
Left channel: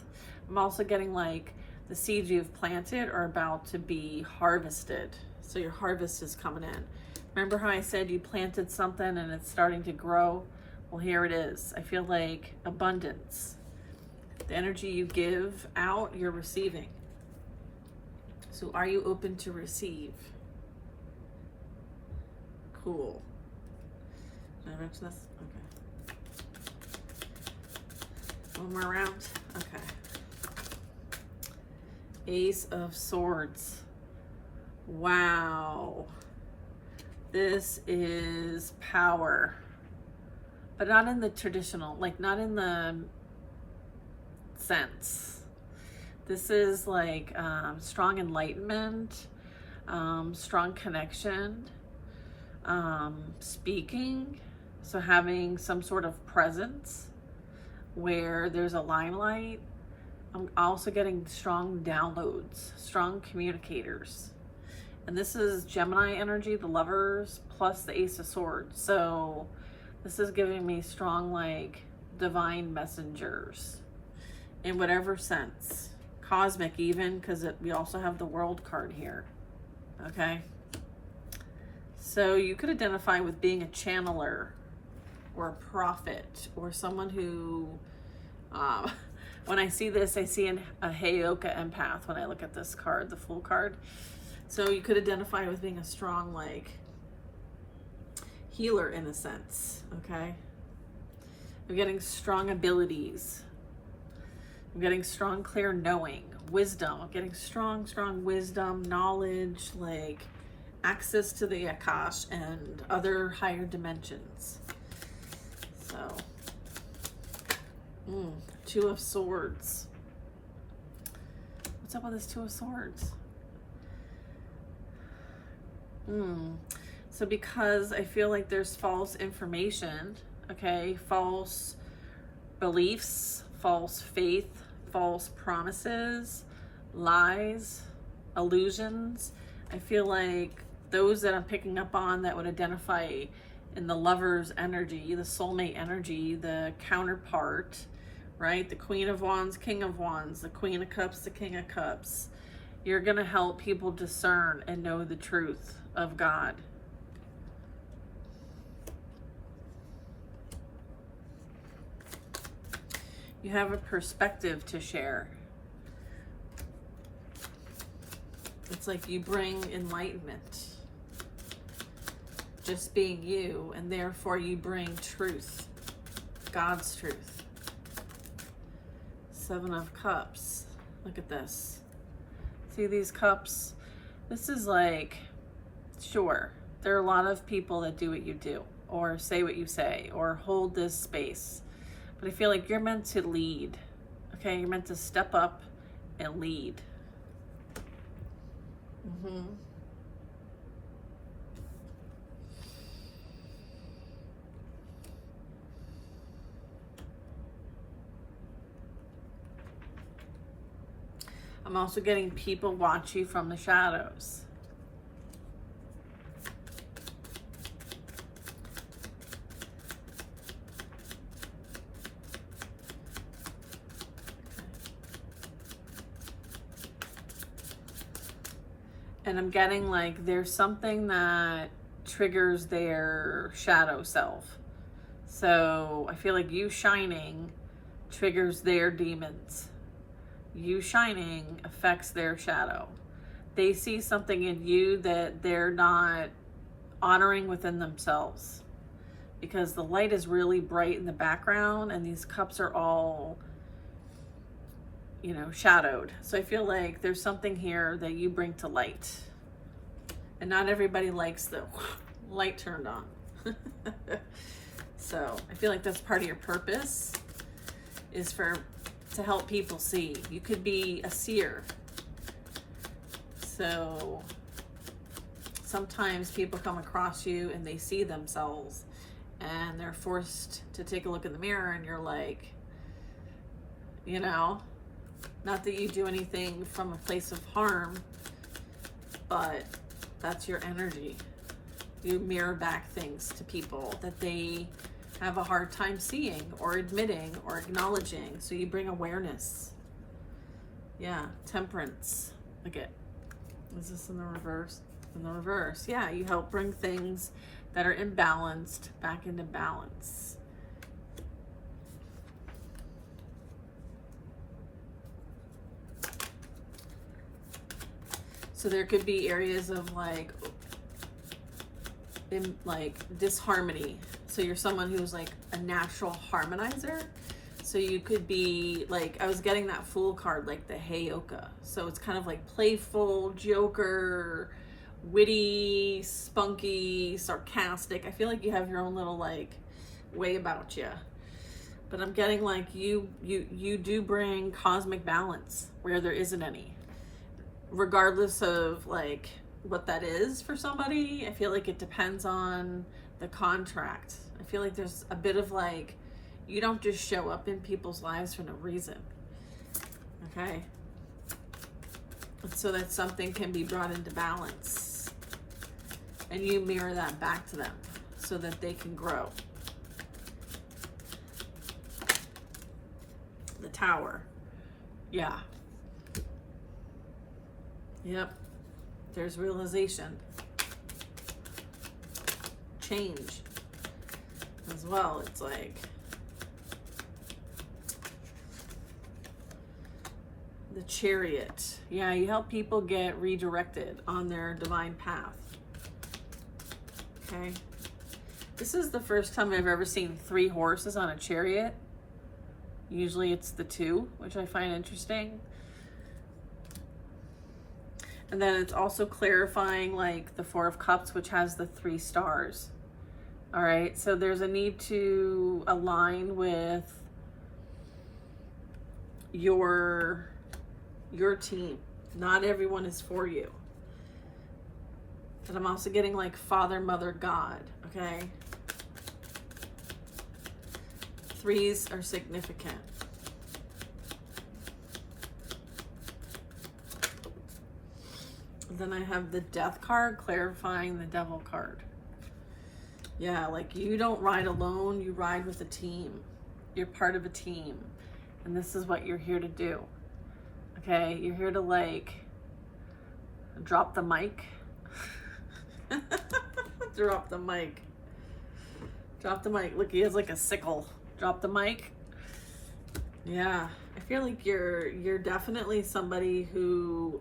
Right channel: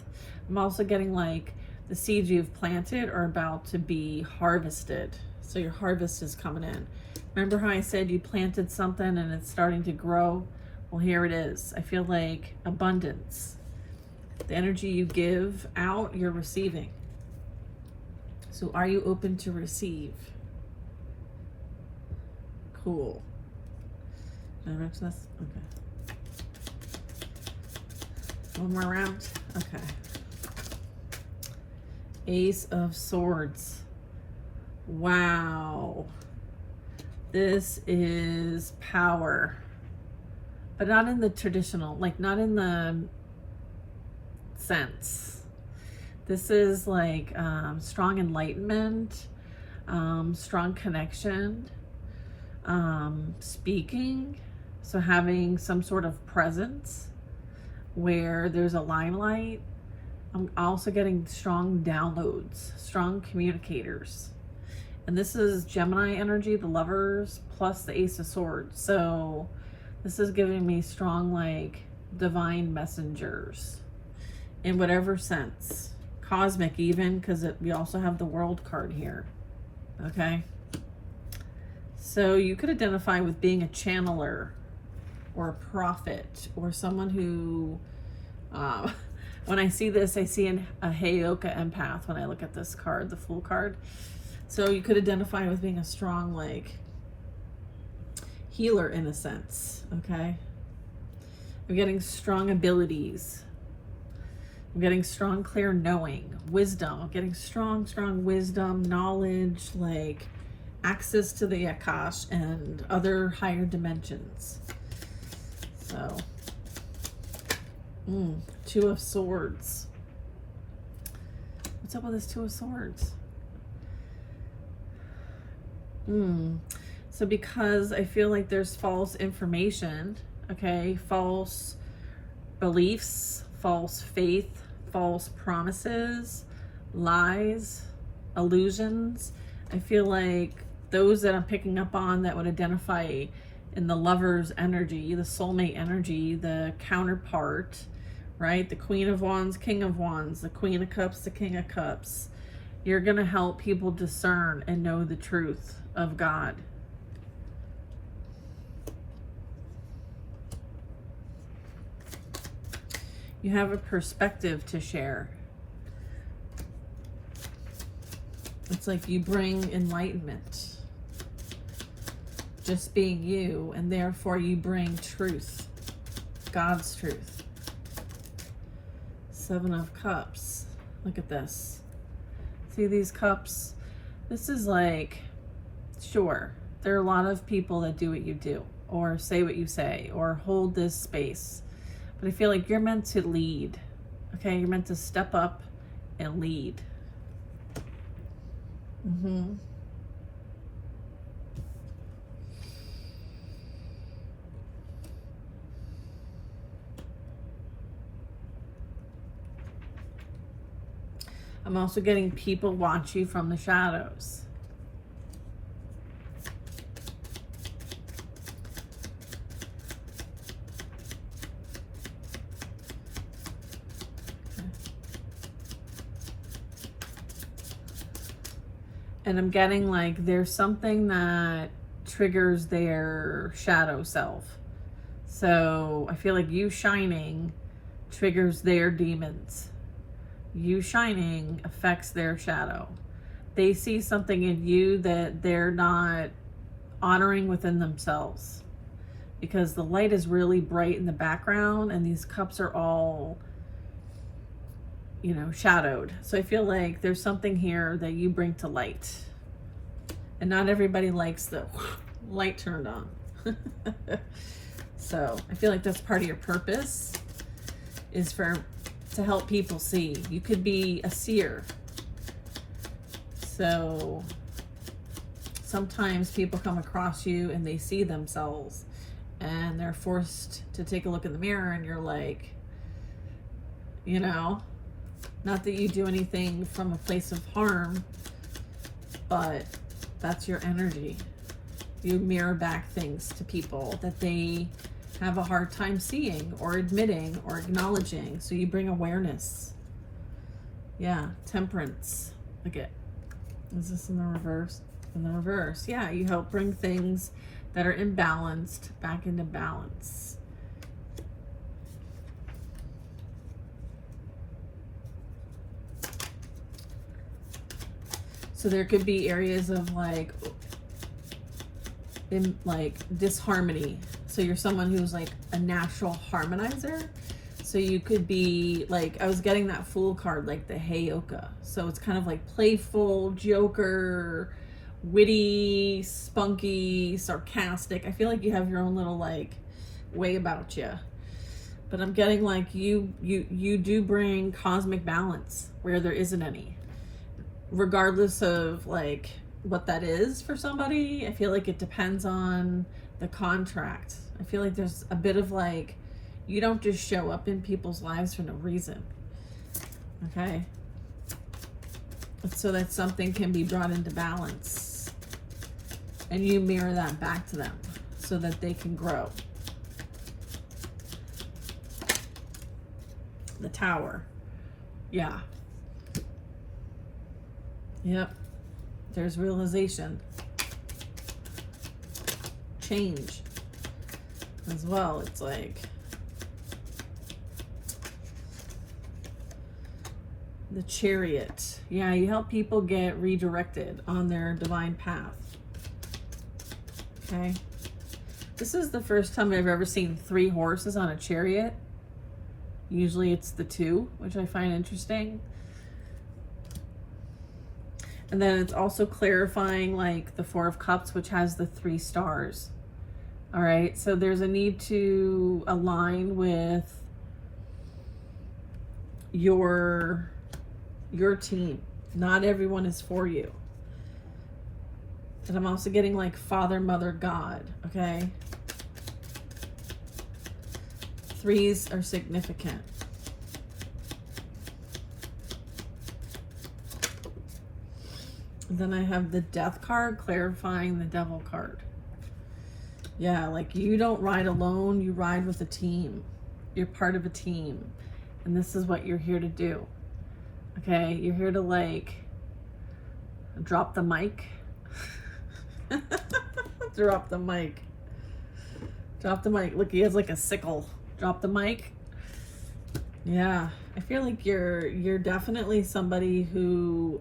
I'm also getting like the seeds you've planted are about to be harvested. So your harvest is coming in. Remember how I said you planted something and it's starting to grow? Well, here it is. I feel like abundance. The energy you give out, you're receiving. So are you open to receive? Cool. Did I mention this? Okay. One more round. Okay. Ace of Swords. Wow. This is power, but not in the traditional, like not in the sense. This is like strong enlightenment, strong connection, speaking. So having some sort of presence where there's a limelight. I'm also getting strong downloads, strong communicators. And this is Gemini energy, the Lovers, plus the Ace of Swords. So this is giving me strong, like, divine messengers in whatever sense. Cosmic even, because we also have the World card here. Okay? So you could identify with being a channeler or a prophet or someone who, when I see this, I see a Heyoka empath when I look at this card, the Fool card. So you could identify with being a strong, like, healer in a sense, okay? I'm getting strong abilities. I'm getting strong, clear knowing, wisdom. I'm getting strong wisdom, knowledge, like access to the Akash and other higher dimensions. So, Two of Swords. What's up with this Two of Swords? So because I feel like there's false information, okay, false beliefs, false faith, false promises, lies, illusions, I feel like those that I'm picking up on that would identify in the Lover's energy, the soulmate energy, the counterpart, right? The Queen of Wands, King of Wands, the Queen of Cups, the King of Cups. You're going to help people discern and know the truth of God. You have a perspective to share. It's like you bring enlightenment. Just being you, and therefore you bring truth. God's truth. Seven of Cups. Look at this. See these cups? This is like, sure, there are a lot of people that do what you do, or say what you say, or hold this space. But I feel like you're meant to lead, okay? You're meant to step up and lead. I'm also getting people watch you from the shadows. And I'm getting like there's something that triggers their shadow self. So I feel like you shining triggers their demons. You shining affects their shadow. They see something in you that they're not honoring within themselves, because the light is really bright in the background and these cups are all, you know, shadowed. So I feel like there's something here that you bring to light, and not everybody likes the light turned on. So I feel like that's part of your purpose, is to help people see. You could be a seer. So sometimes people come across you and they see themselves and they're forced to take a look in the mirror, and you're like, you know, not that you do anything from a place of harm, but that's your energy. You mirror back things to people that they have a hard time seeing or admitting or acknowledging. So you bring awareness. Yeah, Temperance. Look at, is this in the reverse? In the reverse. Yeah, you help bring things that are imbalanced back into balance. So there could be areas of like disharmony. So you're someone who's like a natural harmonizer. So you could be like, I was getting that Fool card, like the Heyoka. So it's kind of like playful, joker, witty, spunky, sarcastic. I feel like you have your own little like way about you. But I'm getting like you do bring cosmic balance where there isn't any. Regardless of like what that is for somebody, I feel like it depends on the contract. I feel like there's a bit of like, you don't just show up in people's lives for no reason. Okay? So that something can be brought into balance. And you mirror that back to them so that they can grow. The Tower. Yeah. Yep. There's realization. Change. As well. It's like the Chariot. Yeah, you help people get redirected on their divine path. Okay. This is the first time I've ever seen 3 horses on a chariot. Usually it's the 2, which I find interesting. And then it's also clarifying like the 4 of Cups, which has the 3 stars. All right, so there's a need to align with your team. Not everyone is for you. And I'm also getting like Father, Mother, God, okay? 3s are significant. Then I have the Death card, clarifying the Devil card. Yeah, like you don't ride alone, you ride with a team. You're part of a team. And this is what you're here to do. Okay, you're here to like drop the mic. Drop the mic. Drop the mic. Look, he has like a sickle. Drop the mic. Yeah, I feel like you're definitely somebody who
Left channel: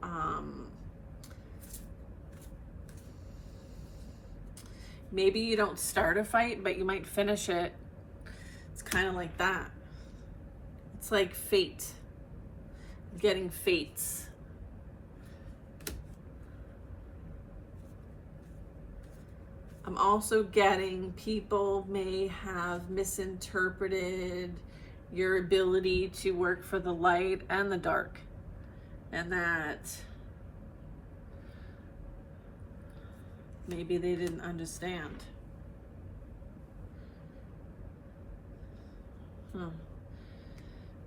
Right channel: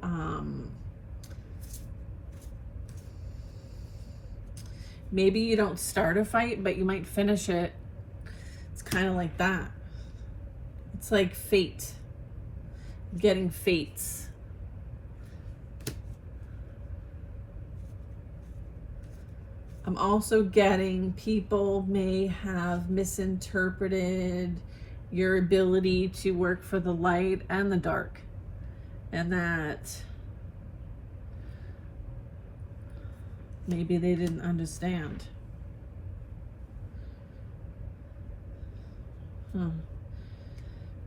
maybe you don't start a fight, but you might finish it. It's kind of like that. It's like fate. Getting fates. I'm also getting people may have misinterpreted your ability to work for the light and the dark. And that maybe they didn't understand.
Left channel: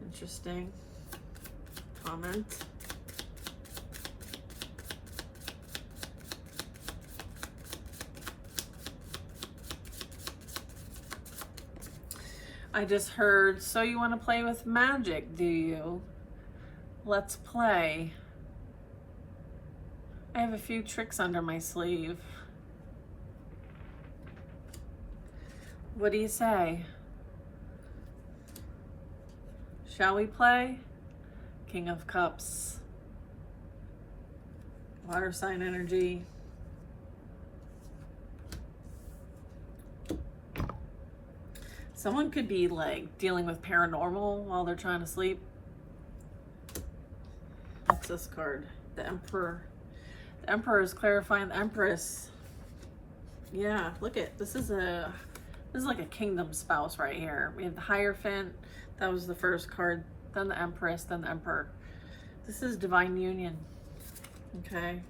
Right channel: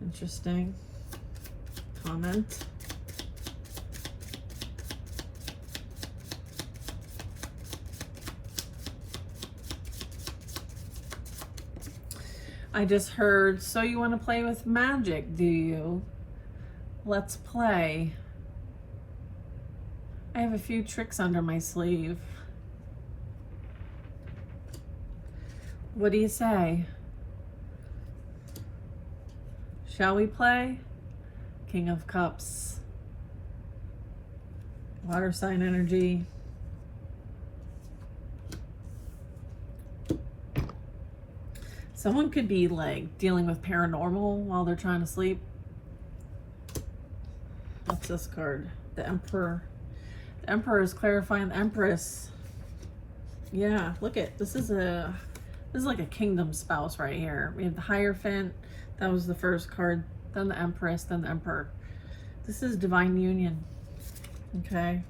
Interesting. Comment. I just heard, so you want to play with magic, do you? Let's play. I have a few tricks under my sleeve. What do you say? Shall we play? King of Cups. Water sign energy. Someone could be like dealing with paranormal while they're trying to sleep. What's this card? The Emperor. The Emperor is clarifying the Empress. Yeah, look at this is like a kingdom spouse right here. We have the Hierophant. That was the first card. Then the Empress. Then the Emperor. This is divine union. Okay.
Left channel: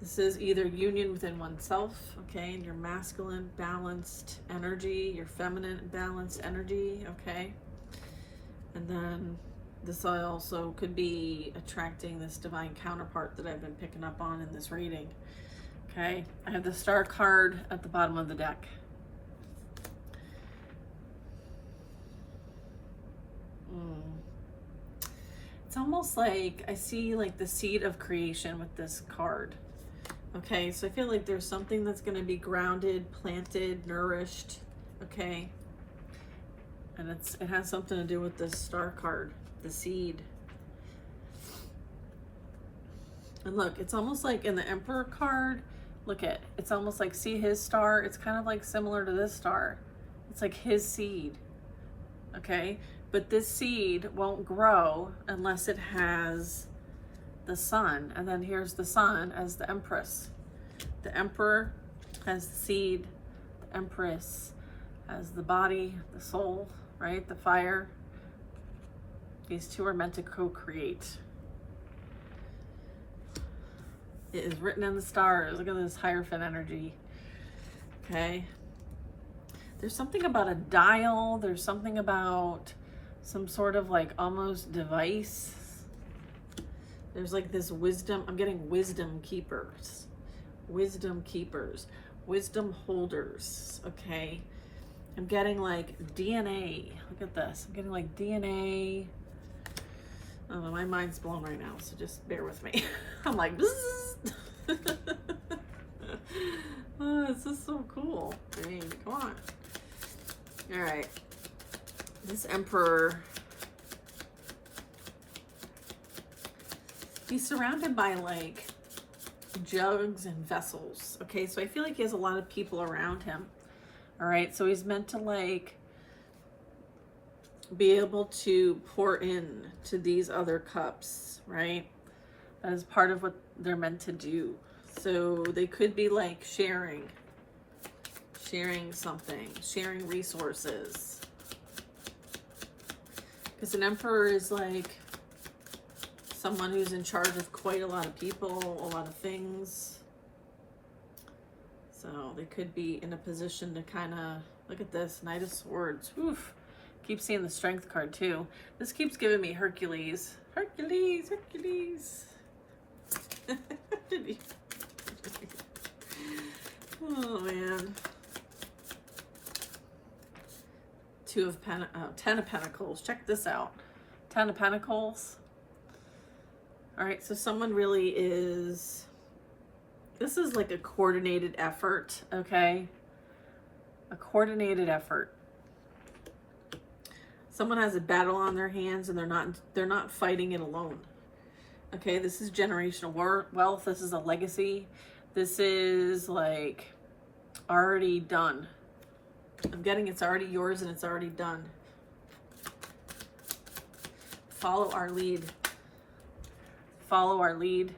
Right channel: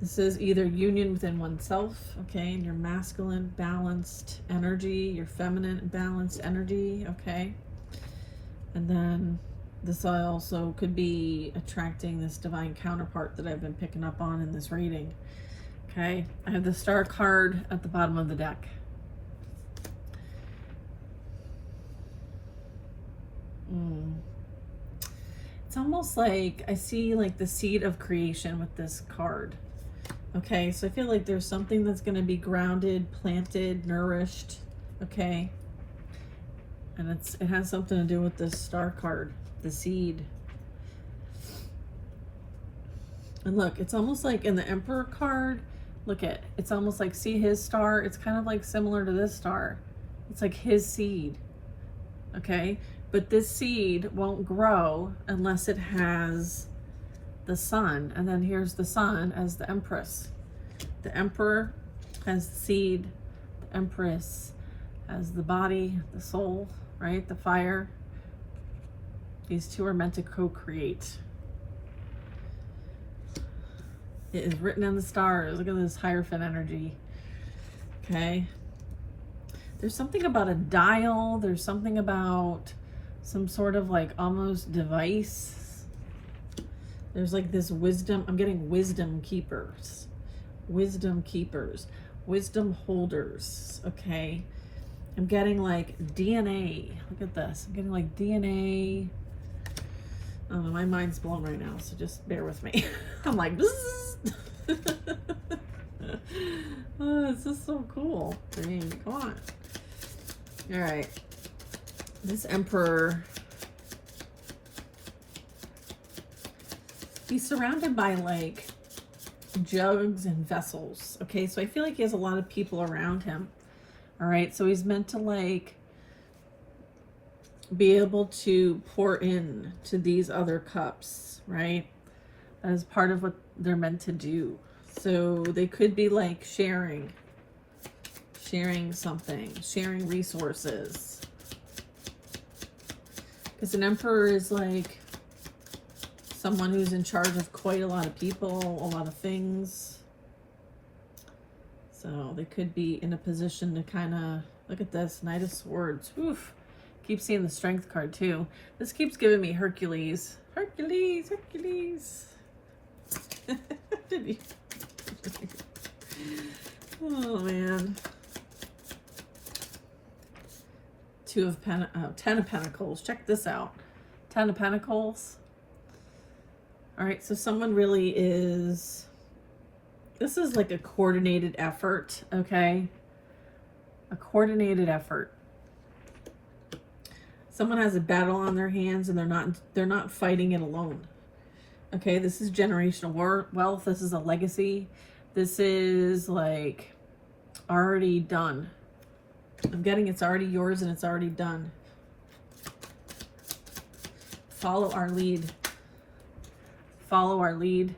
This is either union within oneself, okay, and your masculine balanced energy, your feminine balanced energy, okay. And then this also could be attracting this divine counterpart that I've been picking up on in this reading. Okay, I have the Star card at the bottom of the deck. It's almost like I see like the seed of creation with this card. Okay, so I feel like there's something that's going to be grounded, planted, nourished, okay? And it has something to do with this Star card, the seed. And look, it's almost like in the Emperor card, look at, it's almost like, see his star? It's kind of like similar to this star. It's like his seed, okay? But this seed won't grow unless it has the sun, and then here's the sun as the empress. The emperor has the seed, the empress has the body, the soul, right? The fire. These two are meant to co-create. It is written in the stars. Look at this Hierophant energy. Okay. There's something about a dial. There's something about some sort of like almost device. There's like this wisdom. I'm getting wisdom keepers. Wisdom keepers. Wisdom holders. Okay. I'm getting like DNA. Look at this. I'm getting like DNA. Oh, my mind's blown right now, so just bear with me. I'm like, oh, this is so cool. I mean, come on. All right. This emperor, he's surrounded by like jugs and vessels. Okay, so I feel like he has a lot of people around him. All right, so he's meant to like be able to pour in to these other cups, right? That is part of what they're meant to do. So they could be like sharing something, sharing resources. Because an emperor is like someone who's in charge of quite a lot of people, a lot of things. So they could be in a position to kind of, look at this, Knight of Swords. Oof. Keep seeing the Strength card too. This keeps giving me Hercules. Hercules, Hercules. Oh man. Ten of Pentacles. Check this out. 10 of Pentacles. All right, so someone really is, this is like a coordinated effort, okay? A coordinated effort. Someone has a battle on their hands and they're not fighting it alone. Okay, this is generational wealth. This is a legacy. This is like already done. I'm getting it's already yours and it's already done. Follow our lead. Follow our lead.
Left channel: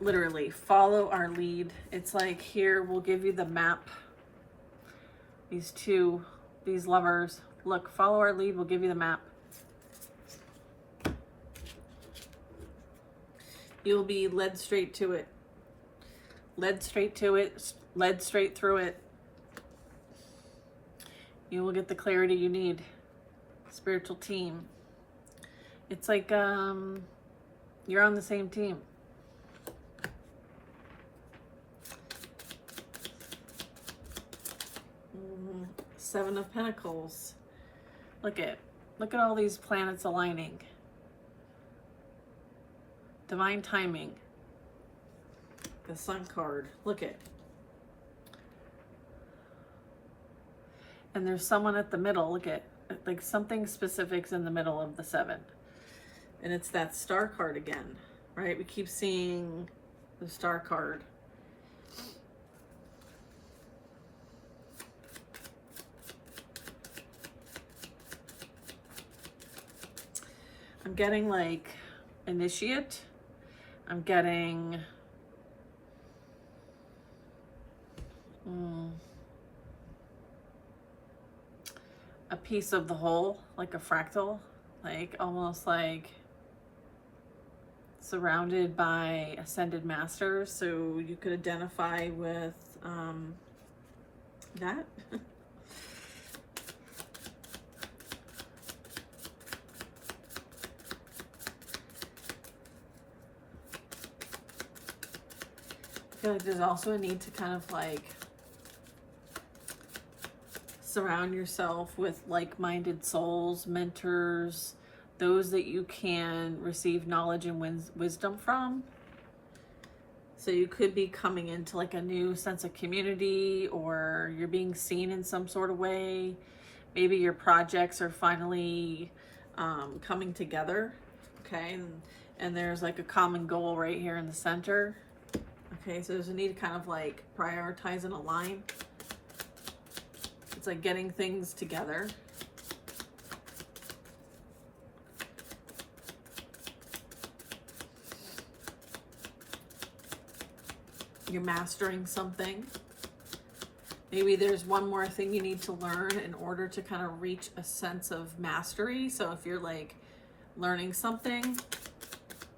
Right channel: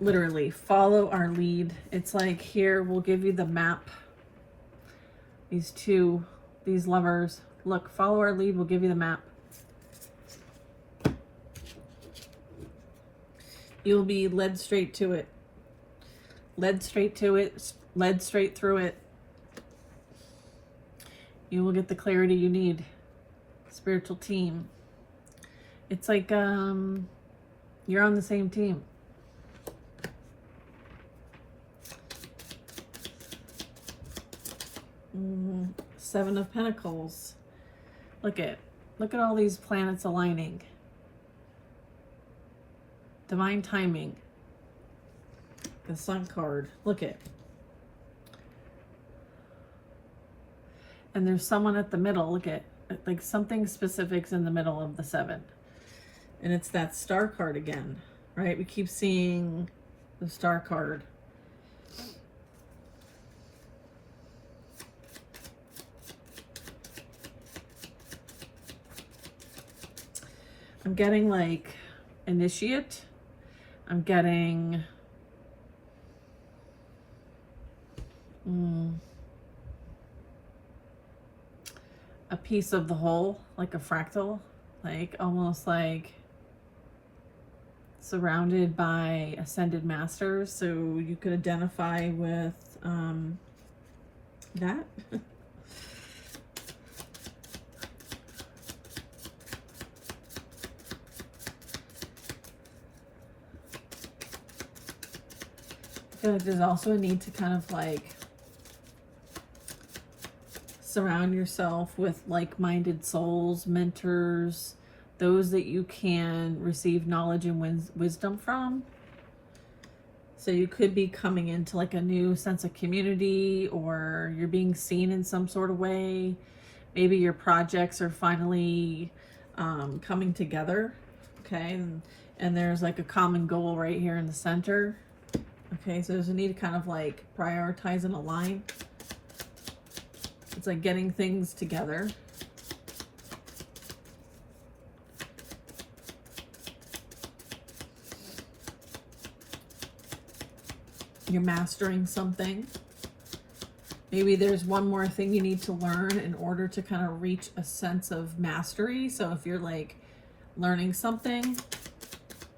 Literally, follow our lead. It's like, here, we'll give you the map. These lovers, look, follow our lead, we'll give you the map. You'll be led straight to it. Led straight to it, led straight through it. You will get the clarity you need. Spiritual team. It's like you're on the same team. Seven of Pentacles. Look at all these planets aligning. Divine timing. The Sun card. Look at. And there's someone at the middle. Look at, like something specific's in the middle of the 7. And it's that Star card again, right? We keep seeing the Star card. I'm getting like initiate. I'm getting a piece of the whole, like a fractal, like almost like surrounded by ascended masters. So you could identify with that. I feel like there's also a need to kind of like surround yourself with like-minded souls, mentors, those that you can receive knowledge and wisdom from. So you could be coming into like a new sense of community, or you're being seen in some sort of way. Maybe your projects are finally coming together, okay? And there's like a common goal right here in the center. Okay, so there's a need to kind of like prioritize and align. It's like getting things together. You're mastering something. Maybe there's one more thing you need to learn in order to kind of reach a sense of mastery. So if you're like learning something,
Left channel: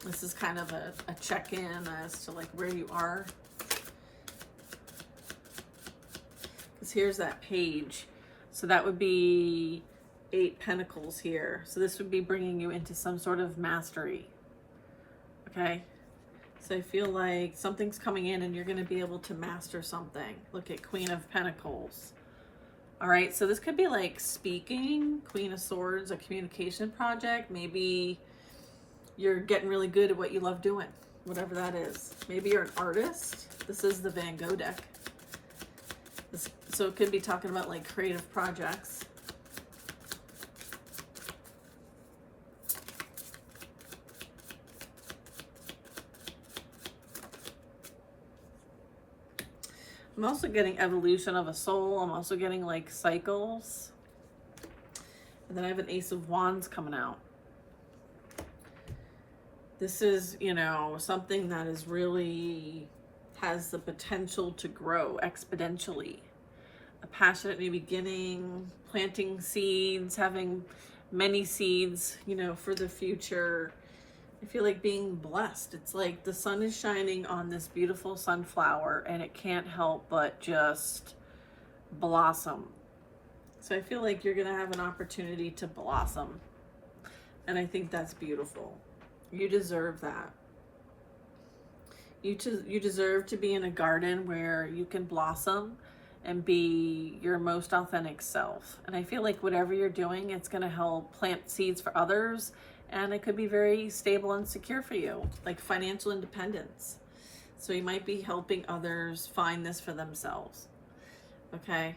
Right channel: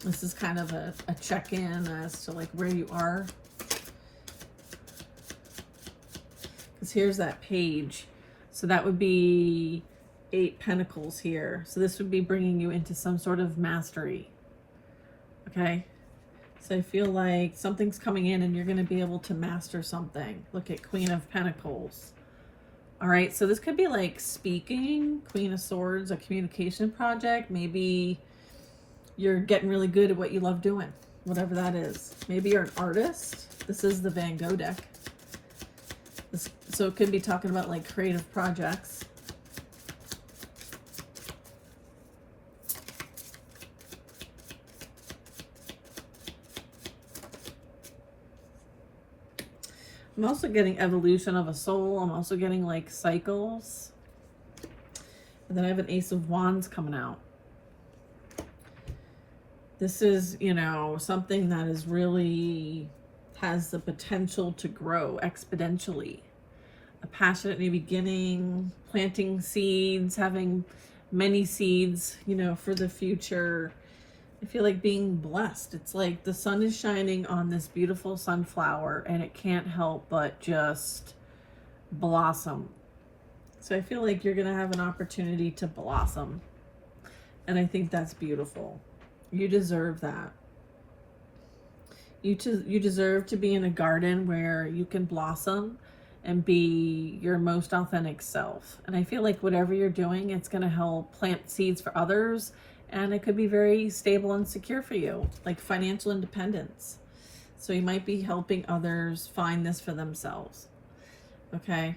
this is kind of a check-in as to like where you are. Because here's that page. So that would be 8 Pentacles here. So this would be bringing you into some sort of mastery. Okay. So I feel like something's coming in and you're going to be able to master something. Look at Queen of Pentacles. All right. So this could be like speaking, Queen of Swords, a communication project. Maybe you're getting really good at what you love doing, whatever that is. Maybe you're an artist. This is the Van Gogh deck. So it could be talking about like creative projects. I'm also getting evolution of a soul. I'm also getting like cycles. And then I have an Ace of Wands coming out. This is, you know, something that is really has the potential to grow exponentially. A passionate new beginning, planting seeds, having many seeds, you know, for the future. I feel like being blessed. It's like the sun is shining on this beautiful sunflower and it can't help but just blossom. So I feel like you're going to have an opportunity to blossom. And I think that's beautiful. You deserve that. You deserve to be in a garden where you can blossom and be your most authentic self. And I feel like whatever you're doing, it's going to help plant seeds for others. And it could be very stable and secure for you, like financial independence. So you might be helping others find this for themselves. Okay.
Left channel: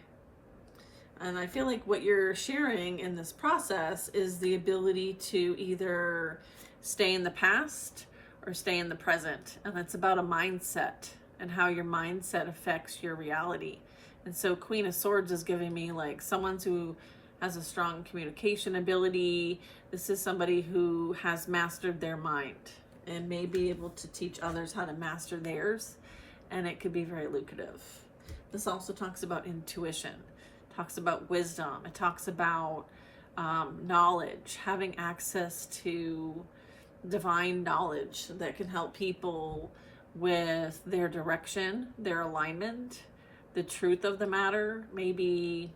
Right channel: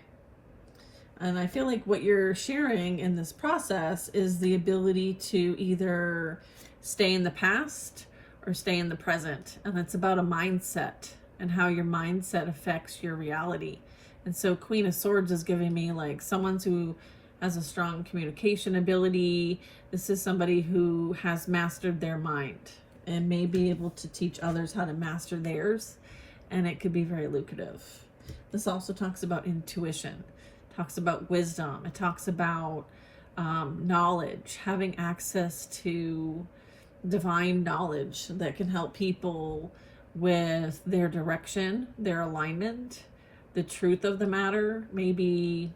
And I feel like what you're sharing in this process is the ability to either stay in the past or stay in the present. And it's about a mindset and how your mindset affects your reality. And so Queen of Swords is giving me like someone who has a strong communication ability. This is somebody who has mastered their mind and may be able to teach others how to master theirs. And it could be very lucrative. This also talks about intuition, talks about wisdom. It talks about knowledge, having access to divine knowledge that can help people with their direction, their alignment, the truth of the matter, maybe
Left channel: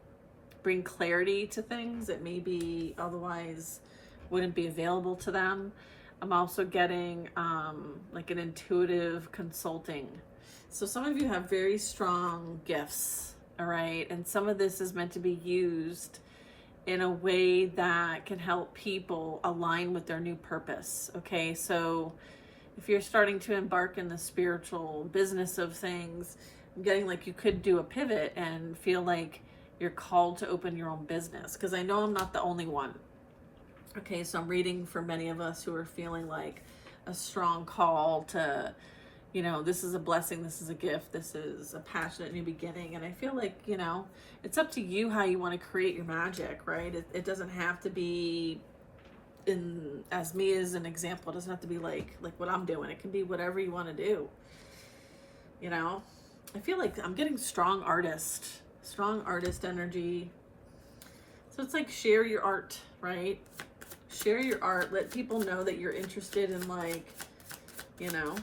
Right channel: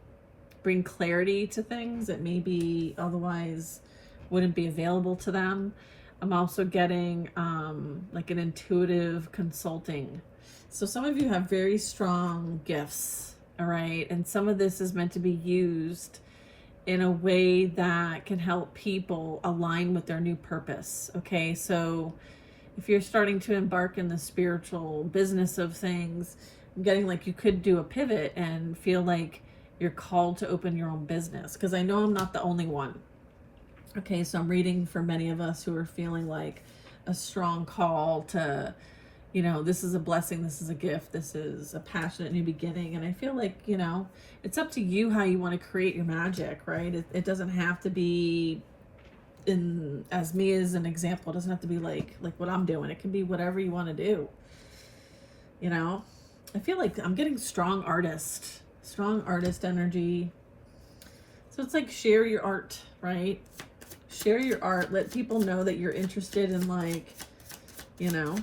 bring clarity to things that maybe otherwise wouldn't be available to them. I'm also getting like an intuitive consulting. So some of you have very strong gifts, all right? And some of this is meant to be used in a way that can help people align with their new purpose, okay? So if you're starting to embark in the spiritual business of things, I'm getting like you could do a pivot and feel like you're called to open your own business, because I know I'm not the only one. Okay, so I'm reading for many of us who are feeling like a strong call to, you know, this is a blessing, this is a gift, this is a passionate new beginning. And I feel like, you know, it's up to you how you want to create your magic, right? It doesn't have to be as me as an example, it doesn't have to be like what I'm doing. It can be whatever you want to do. You know, I feel like I'm getting strong artist energy. So it's like share your art, right? Share your art. Let people know that you're interested in, like, you know,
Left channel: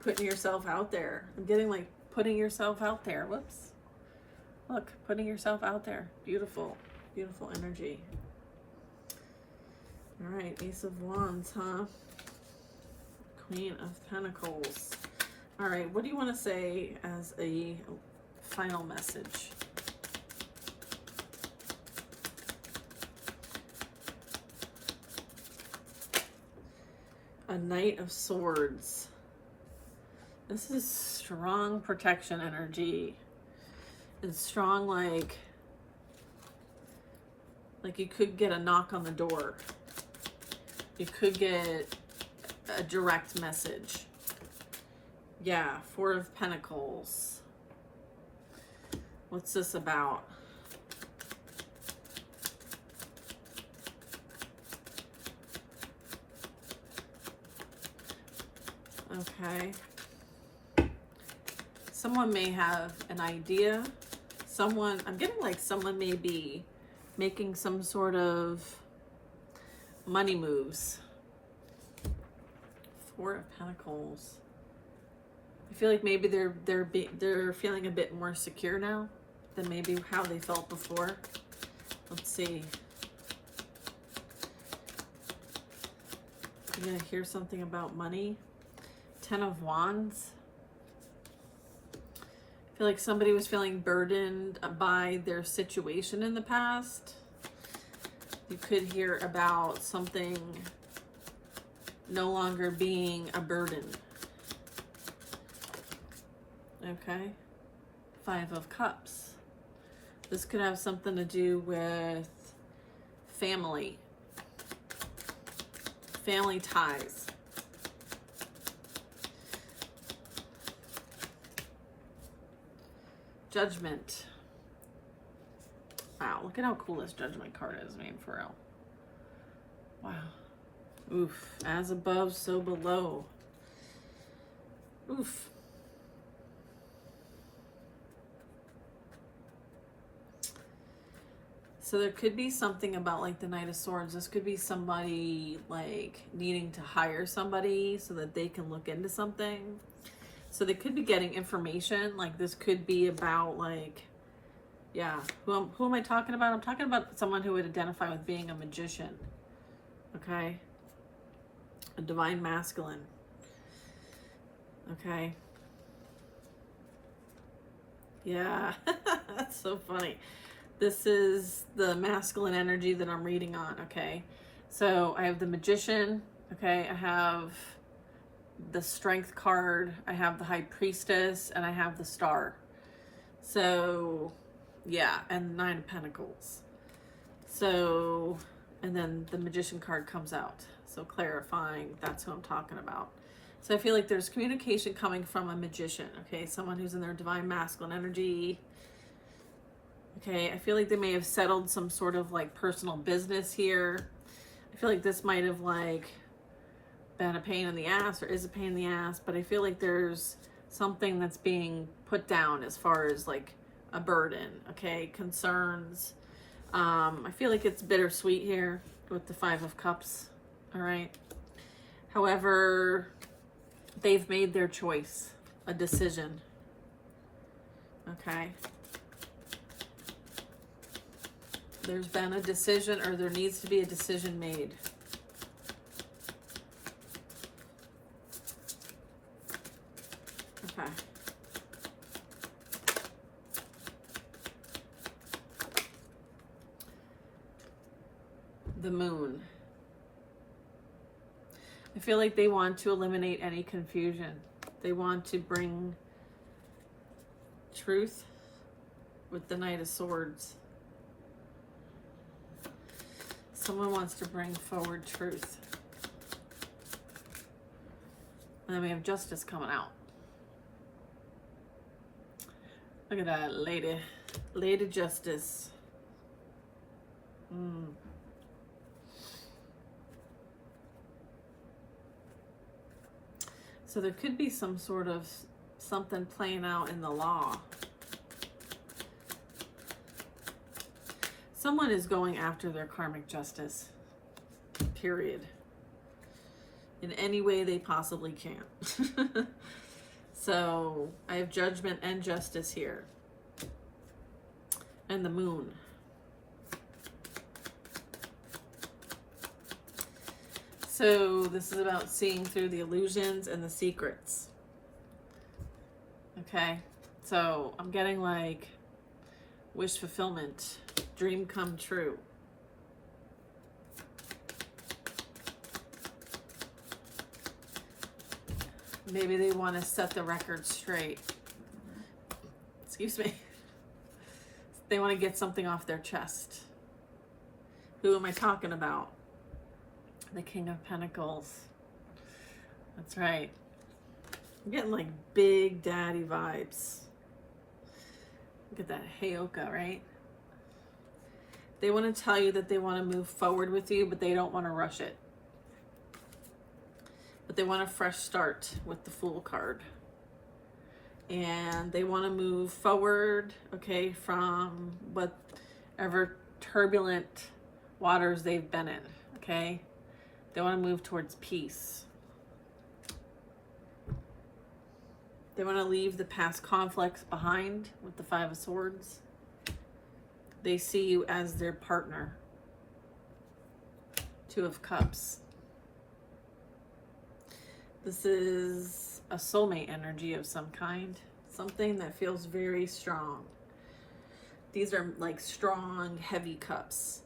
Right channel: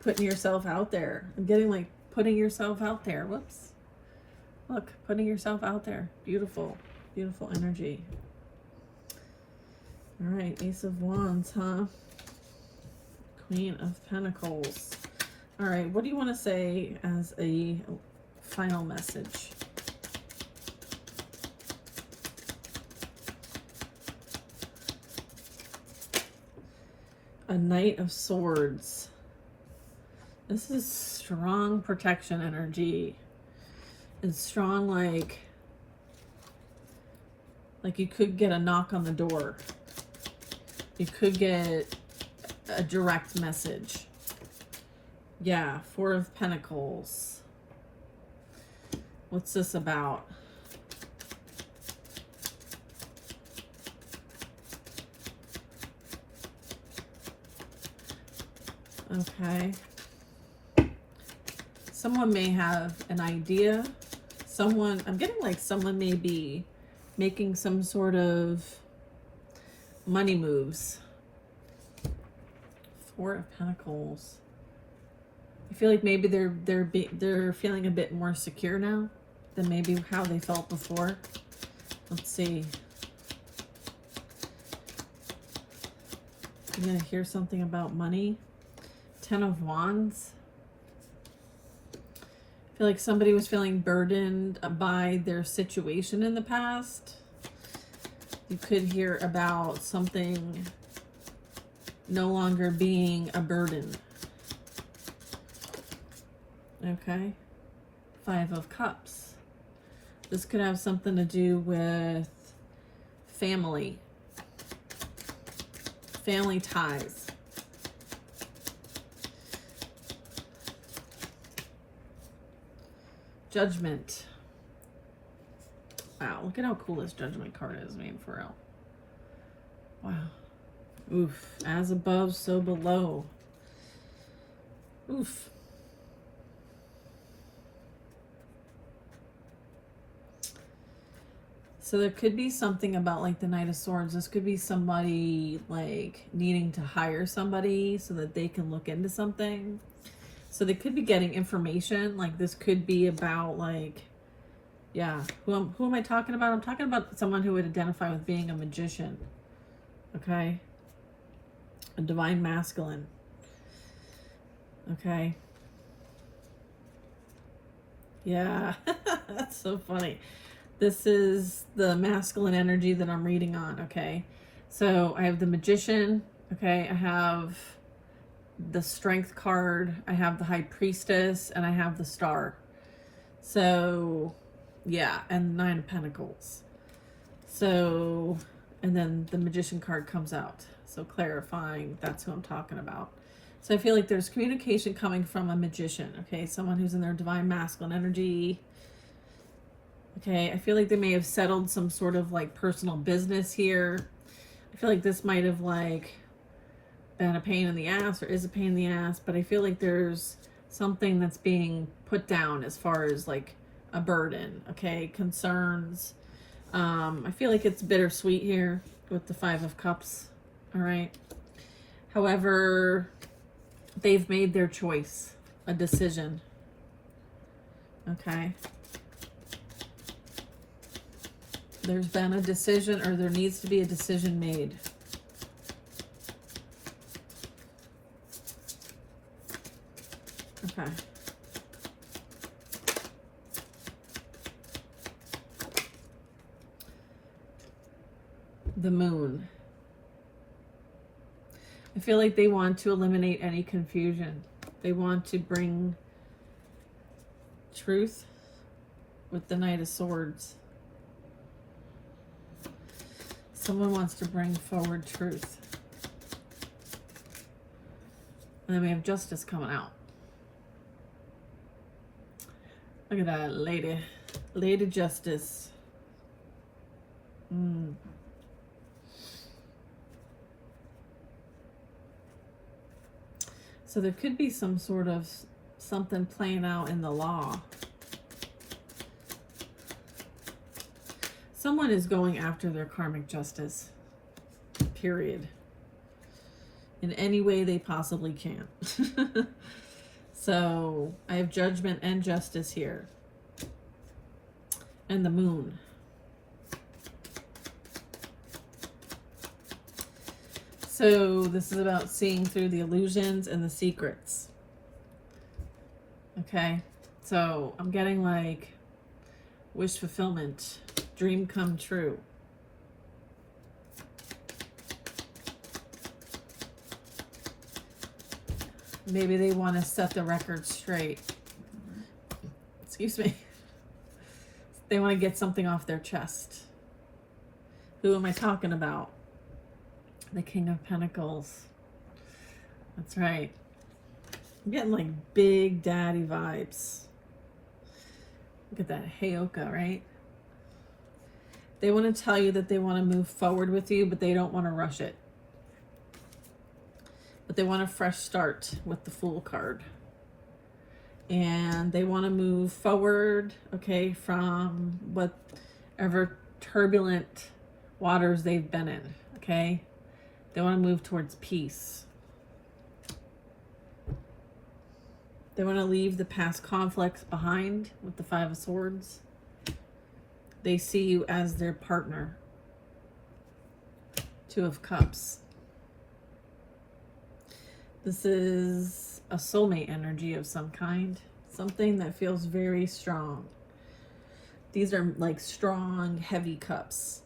putting yourself out there. I'm getting like putting yourself out there. Whoops. Look, putting yourself out there. Beautiful, beautiful energy. All right, Ace of Wands, huh? Queen of Pentacles. All right, what do you want to say as a final message? A Knight of Swords. This is strong protection energy. It's strong, like you could get a knock on the door. You could get a direct message. Yeah, Four of Pentacles. What's this about? Okay. Someone may have an idea. I'm getting like someone may be making some sort of money moves. Four of Pentacles. I feel like maybe they're feeling a bit more secure now than maybe how they felt before. Let's see. You're gonna hear something about money. 10 of Wands. I feel like somebody was feeling burdened by their situation in the past. You could hear about something no longer being a burden. Okay. 5 of Cups. This could have something to do with family. Family ties. Judgment. Wow, look at how cool this Judgment card is, man, for real. Wow. Oof. As above, so below. Oof. So there could be something about like the Knight of Swords. This could be somebody like needing to hire somebody so that they can look into something. So they could be getting information. Like this could be about like, yeah, who am I talking about? I'm talking about someone who would identify with being a magician. Okay. A divine masculine. Okay. Yeah, that's so funny. This is the masculine energy that I'm reading on, okay? So I have the Magician, okay? I have the Strength card, I have the High Priestess, and I have the Star. So, yeah, and 9 of Pentacles. So, and then the Magician card comes out. So clarifying, that's who I'm talking about. So I feel like there's communication coming from a magician, okay? Someone who's in their divine masculine energy. Okay, I feel like they may have settled some sort of like personal business here. I feel like this might have like been a pain in the ass or is a pain in the ass, but I feel like there's something that's being put down as far as like a burden, okay? Concerns. I feel like it's bittersweet here with the 5 of Cups, all right? However, they've made their choice, a decision, okay? There's been a decision, or there needs to be a decision made. Okay. The Moon. I feel like they want to eliminate any confusion. They want to bring truth with the Knight of Swords. Someone wants to bring forward truth. And then we have Justice coming out. Look at that, lady. Lady Justice. So there could be some sort of something playing out in the law. Someone is going after their karmic justice, period, in any way they possibly can. So I have Judgment and Justice here. And the Moon. So this is about seeing through the illusions and the secrets. Okay, so I'm getting like wish fulfillment. Dream come true. Maybe they want to set the record straight. Excuse me. They want to get something off their chest. Who am I talking about? The King of Pentacles. That's right. I'm getting like big daddy vibes. Look at that Heyoka, right? They want to tell you that they want to move forward with you, but they don't want to rush it. But they want a fresh start with the Fool card. and they want to move forward, okay, from whatever turbulent waters they've been in, okay? They want to move towards peace. They want to leave the past conflicts behind with the Five of Swords. They see you as their partner. Two of Cups. This is a soulmate energy of some kind. Something that feels very strong. These are like strong, heavy cups.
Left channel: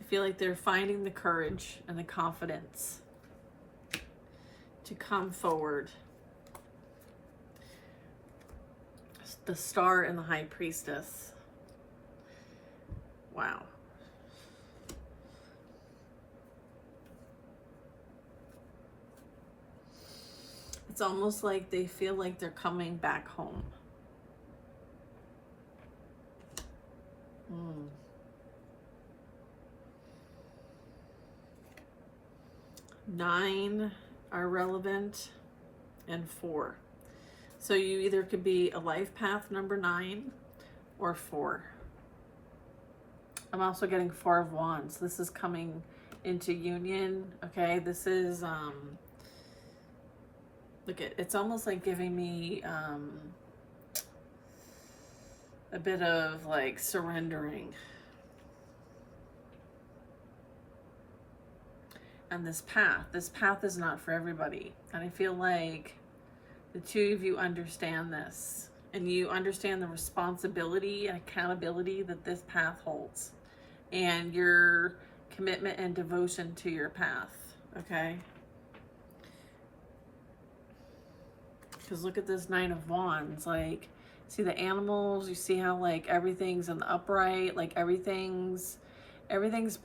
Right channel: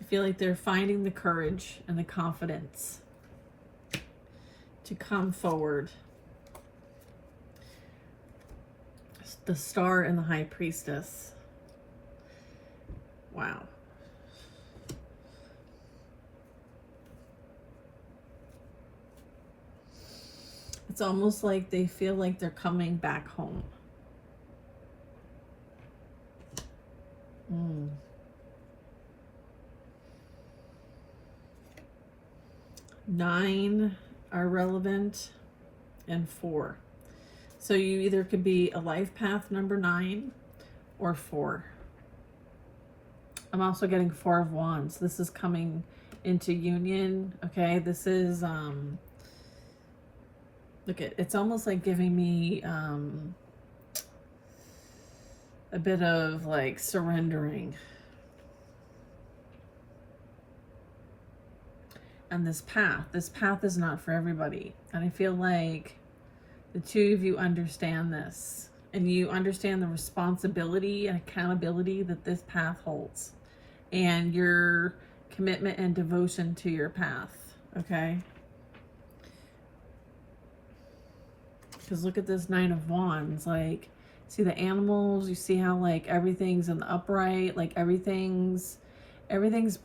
I feel like they're finding the courage and the confidence to come forward. The Star and the High Priestess. Wow. It's almost like they feel like they're coming back home. Mm. Nine are relevant and 4. So you either could be a life path number 9 or 4. I'm also getting 4 of Wands. This is coming into union. Okay, this is look at, it's almost like giving me a bit of like surrendering. And this path is not for everybody. And I feel like the two of you understand this, and you understand the responsibility and accountability that this path holds, and your commitment and devotion to your path, okay? Because look at this 9 of Wands. Like, see the animals? You see how like everything's in the upright? Like everything's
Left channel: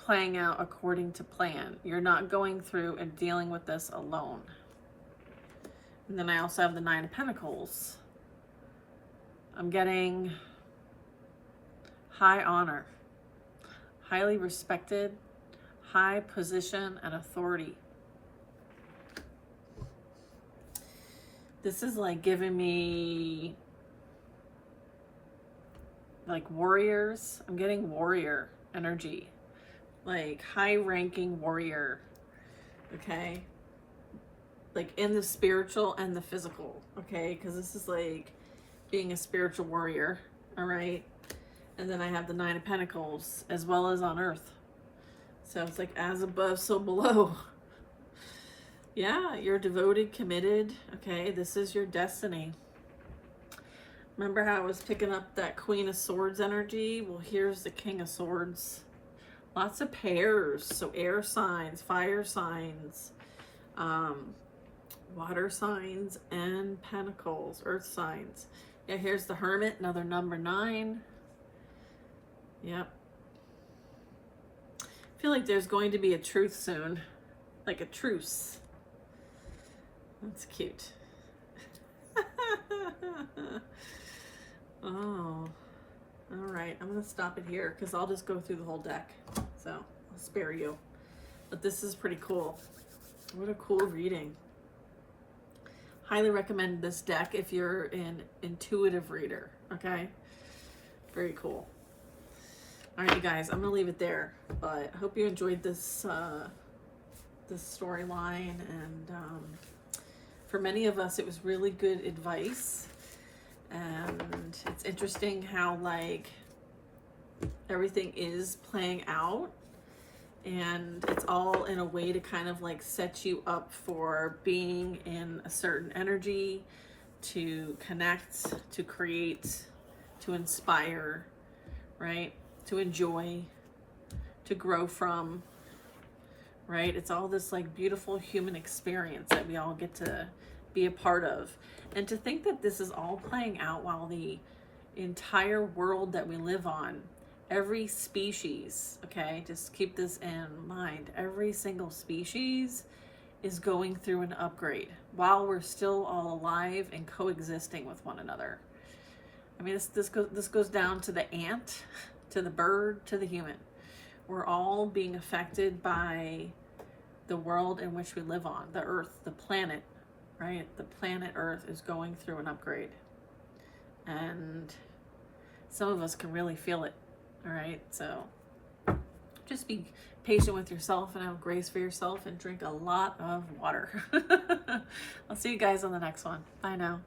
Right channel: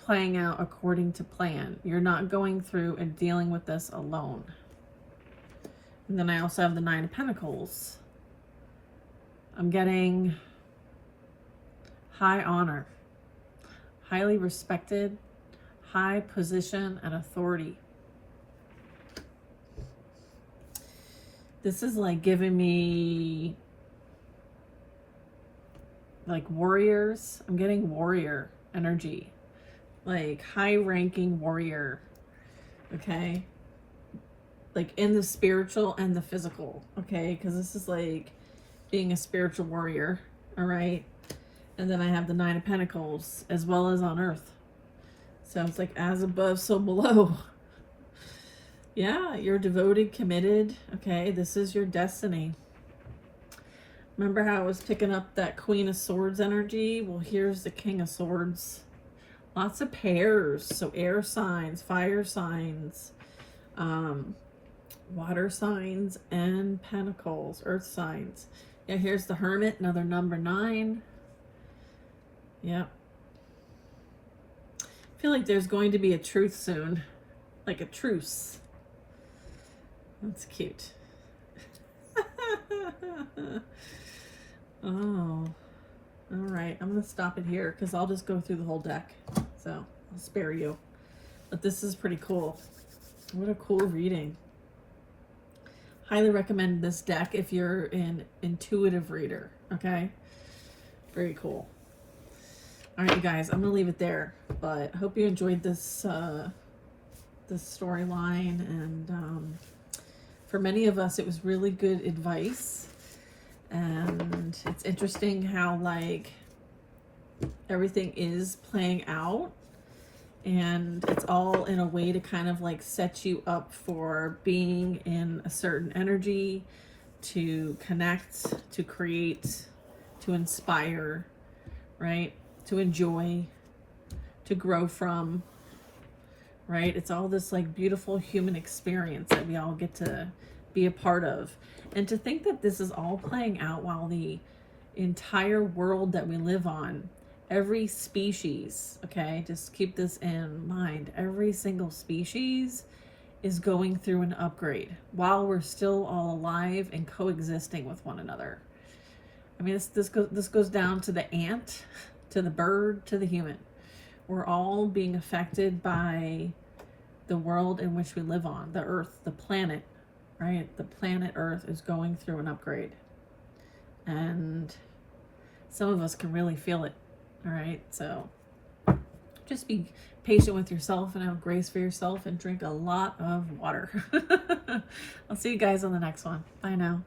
playing out according to plan. You're not going through and dealing with this alone. And then I also have the 9 of Pentacles. I'm getting high honor, highly respected, high position and authority. This is like giving me like warriors. I'm getting warrior energy, like high-ranking warrior, okay? Like in the spiritual and the physical, okay? Because this is like being a spiritual warrior, all right? And then I have the 9 of Pentacles as well as on earth. So it's like as above, so below. Yeah, you're devoted, committed, okay? This is your destiny. Remember how I was picking up that Queen of Swords energy? Well, here's the King of Swords. Lots of pairs. So air signs, fire signs, water signs, and pentacles, earth signs. Yeah, here's the Hermit, another number 9. Yep. I feel like there's going to be a truth soon. Like a truce. That's cute. Oh, all right. I'm going to stop it here because I'll just go through the whole deck. So I'll spare you. But this is pretty cool. What a cool reading. Highly recommend this deck if you're an intuitive reader. Okay. Very cool. All right, you guys, I'm going to leave it there. But I hope you enjoyed this, this storyline. And for many of us, it was really good advice. And it's interesting how like everything is playing out, and it's all in a way to kind of like set you up for being in a certain energy, to connect, to create, to inspire, right? To enjoy, to grow from, right? It's all this like beautiful human experience that we all get to be a part of. And to think that this is all playing out while the entire world that we live on, every species, okay, just keep this in mind, every single species is going through an upgrade while we're still all alive and coexisting with one another. I mean, this goes down to the ant, to the bird, to the human. We're all being affected by the world in which we live on, the earth, the planet, right? The planet Earth is going through an upgrade. and some of us can really feel it. All right, so just be patient with yourself and have grace for yourself and drink a lot of water. I'll see you guys on the next one. Bye now.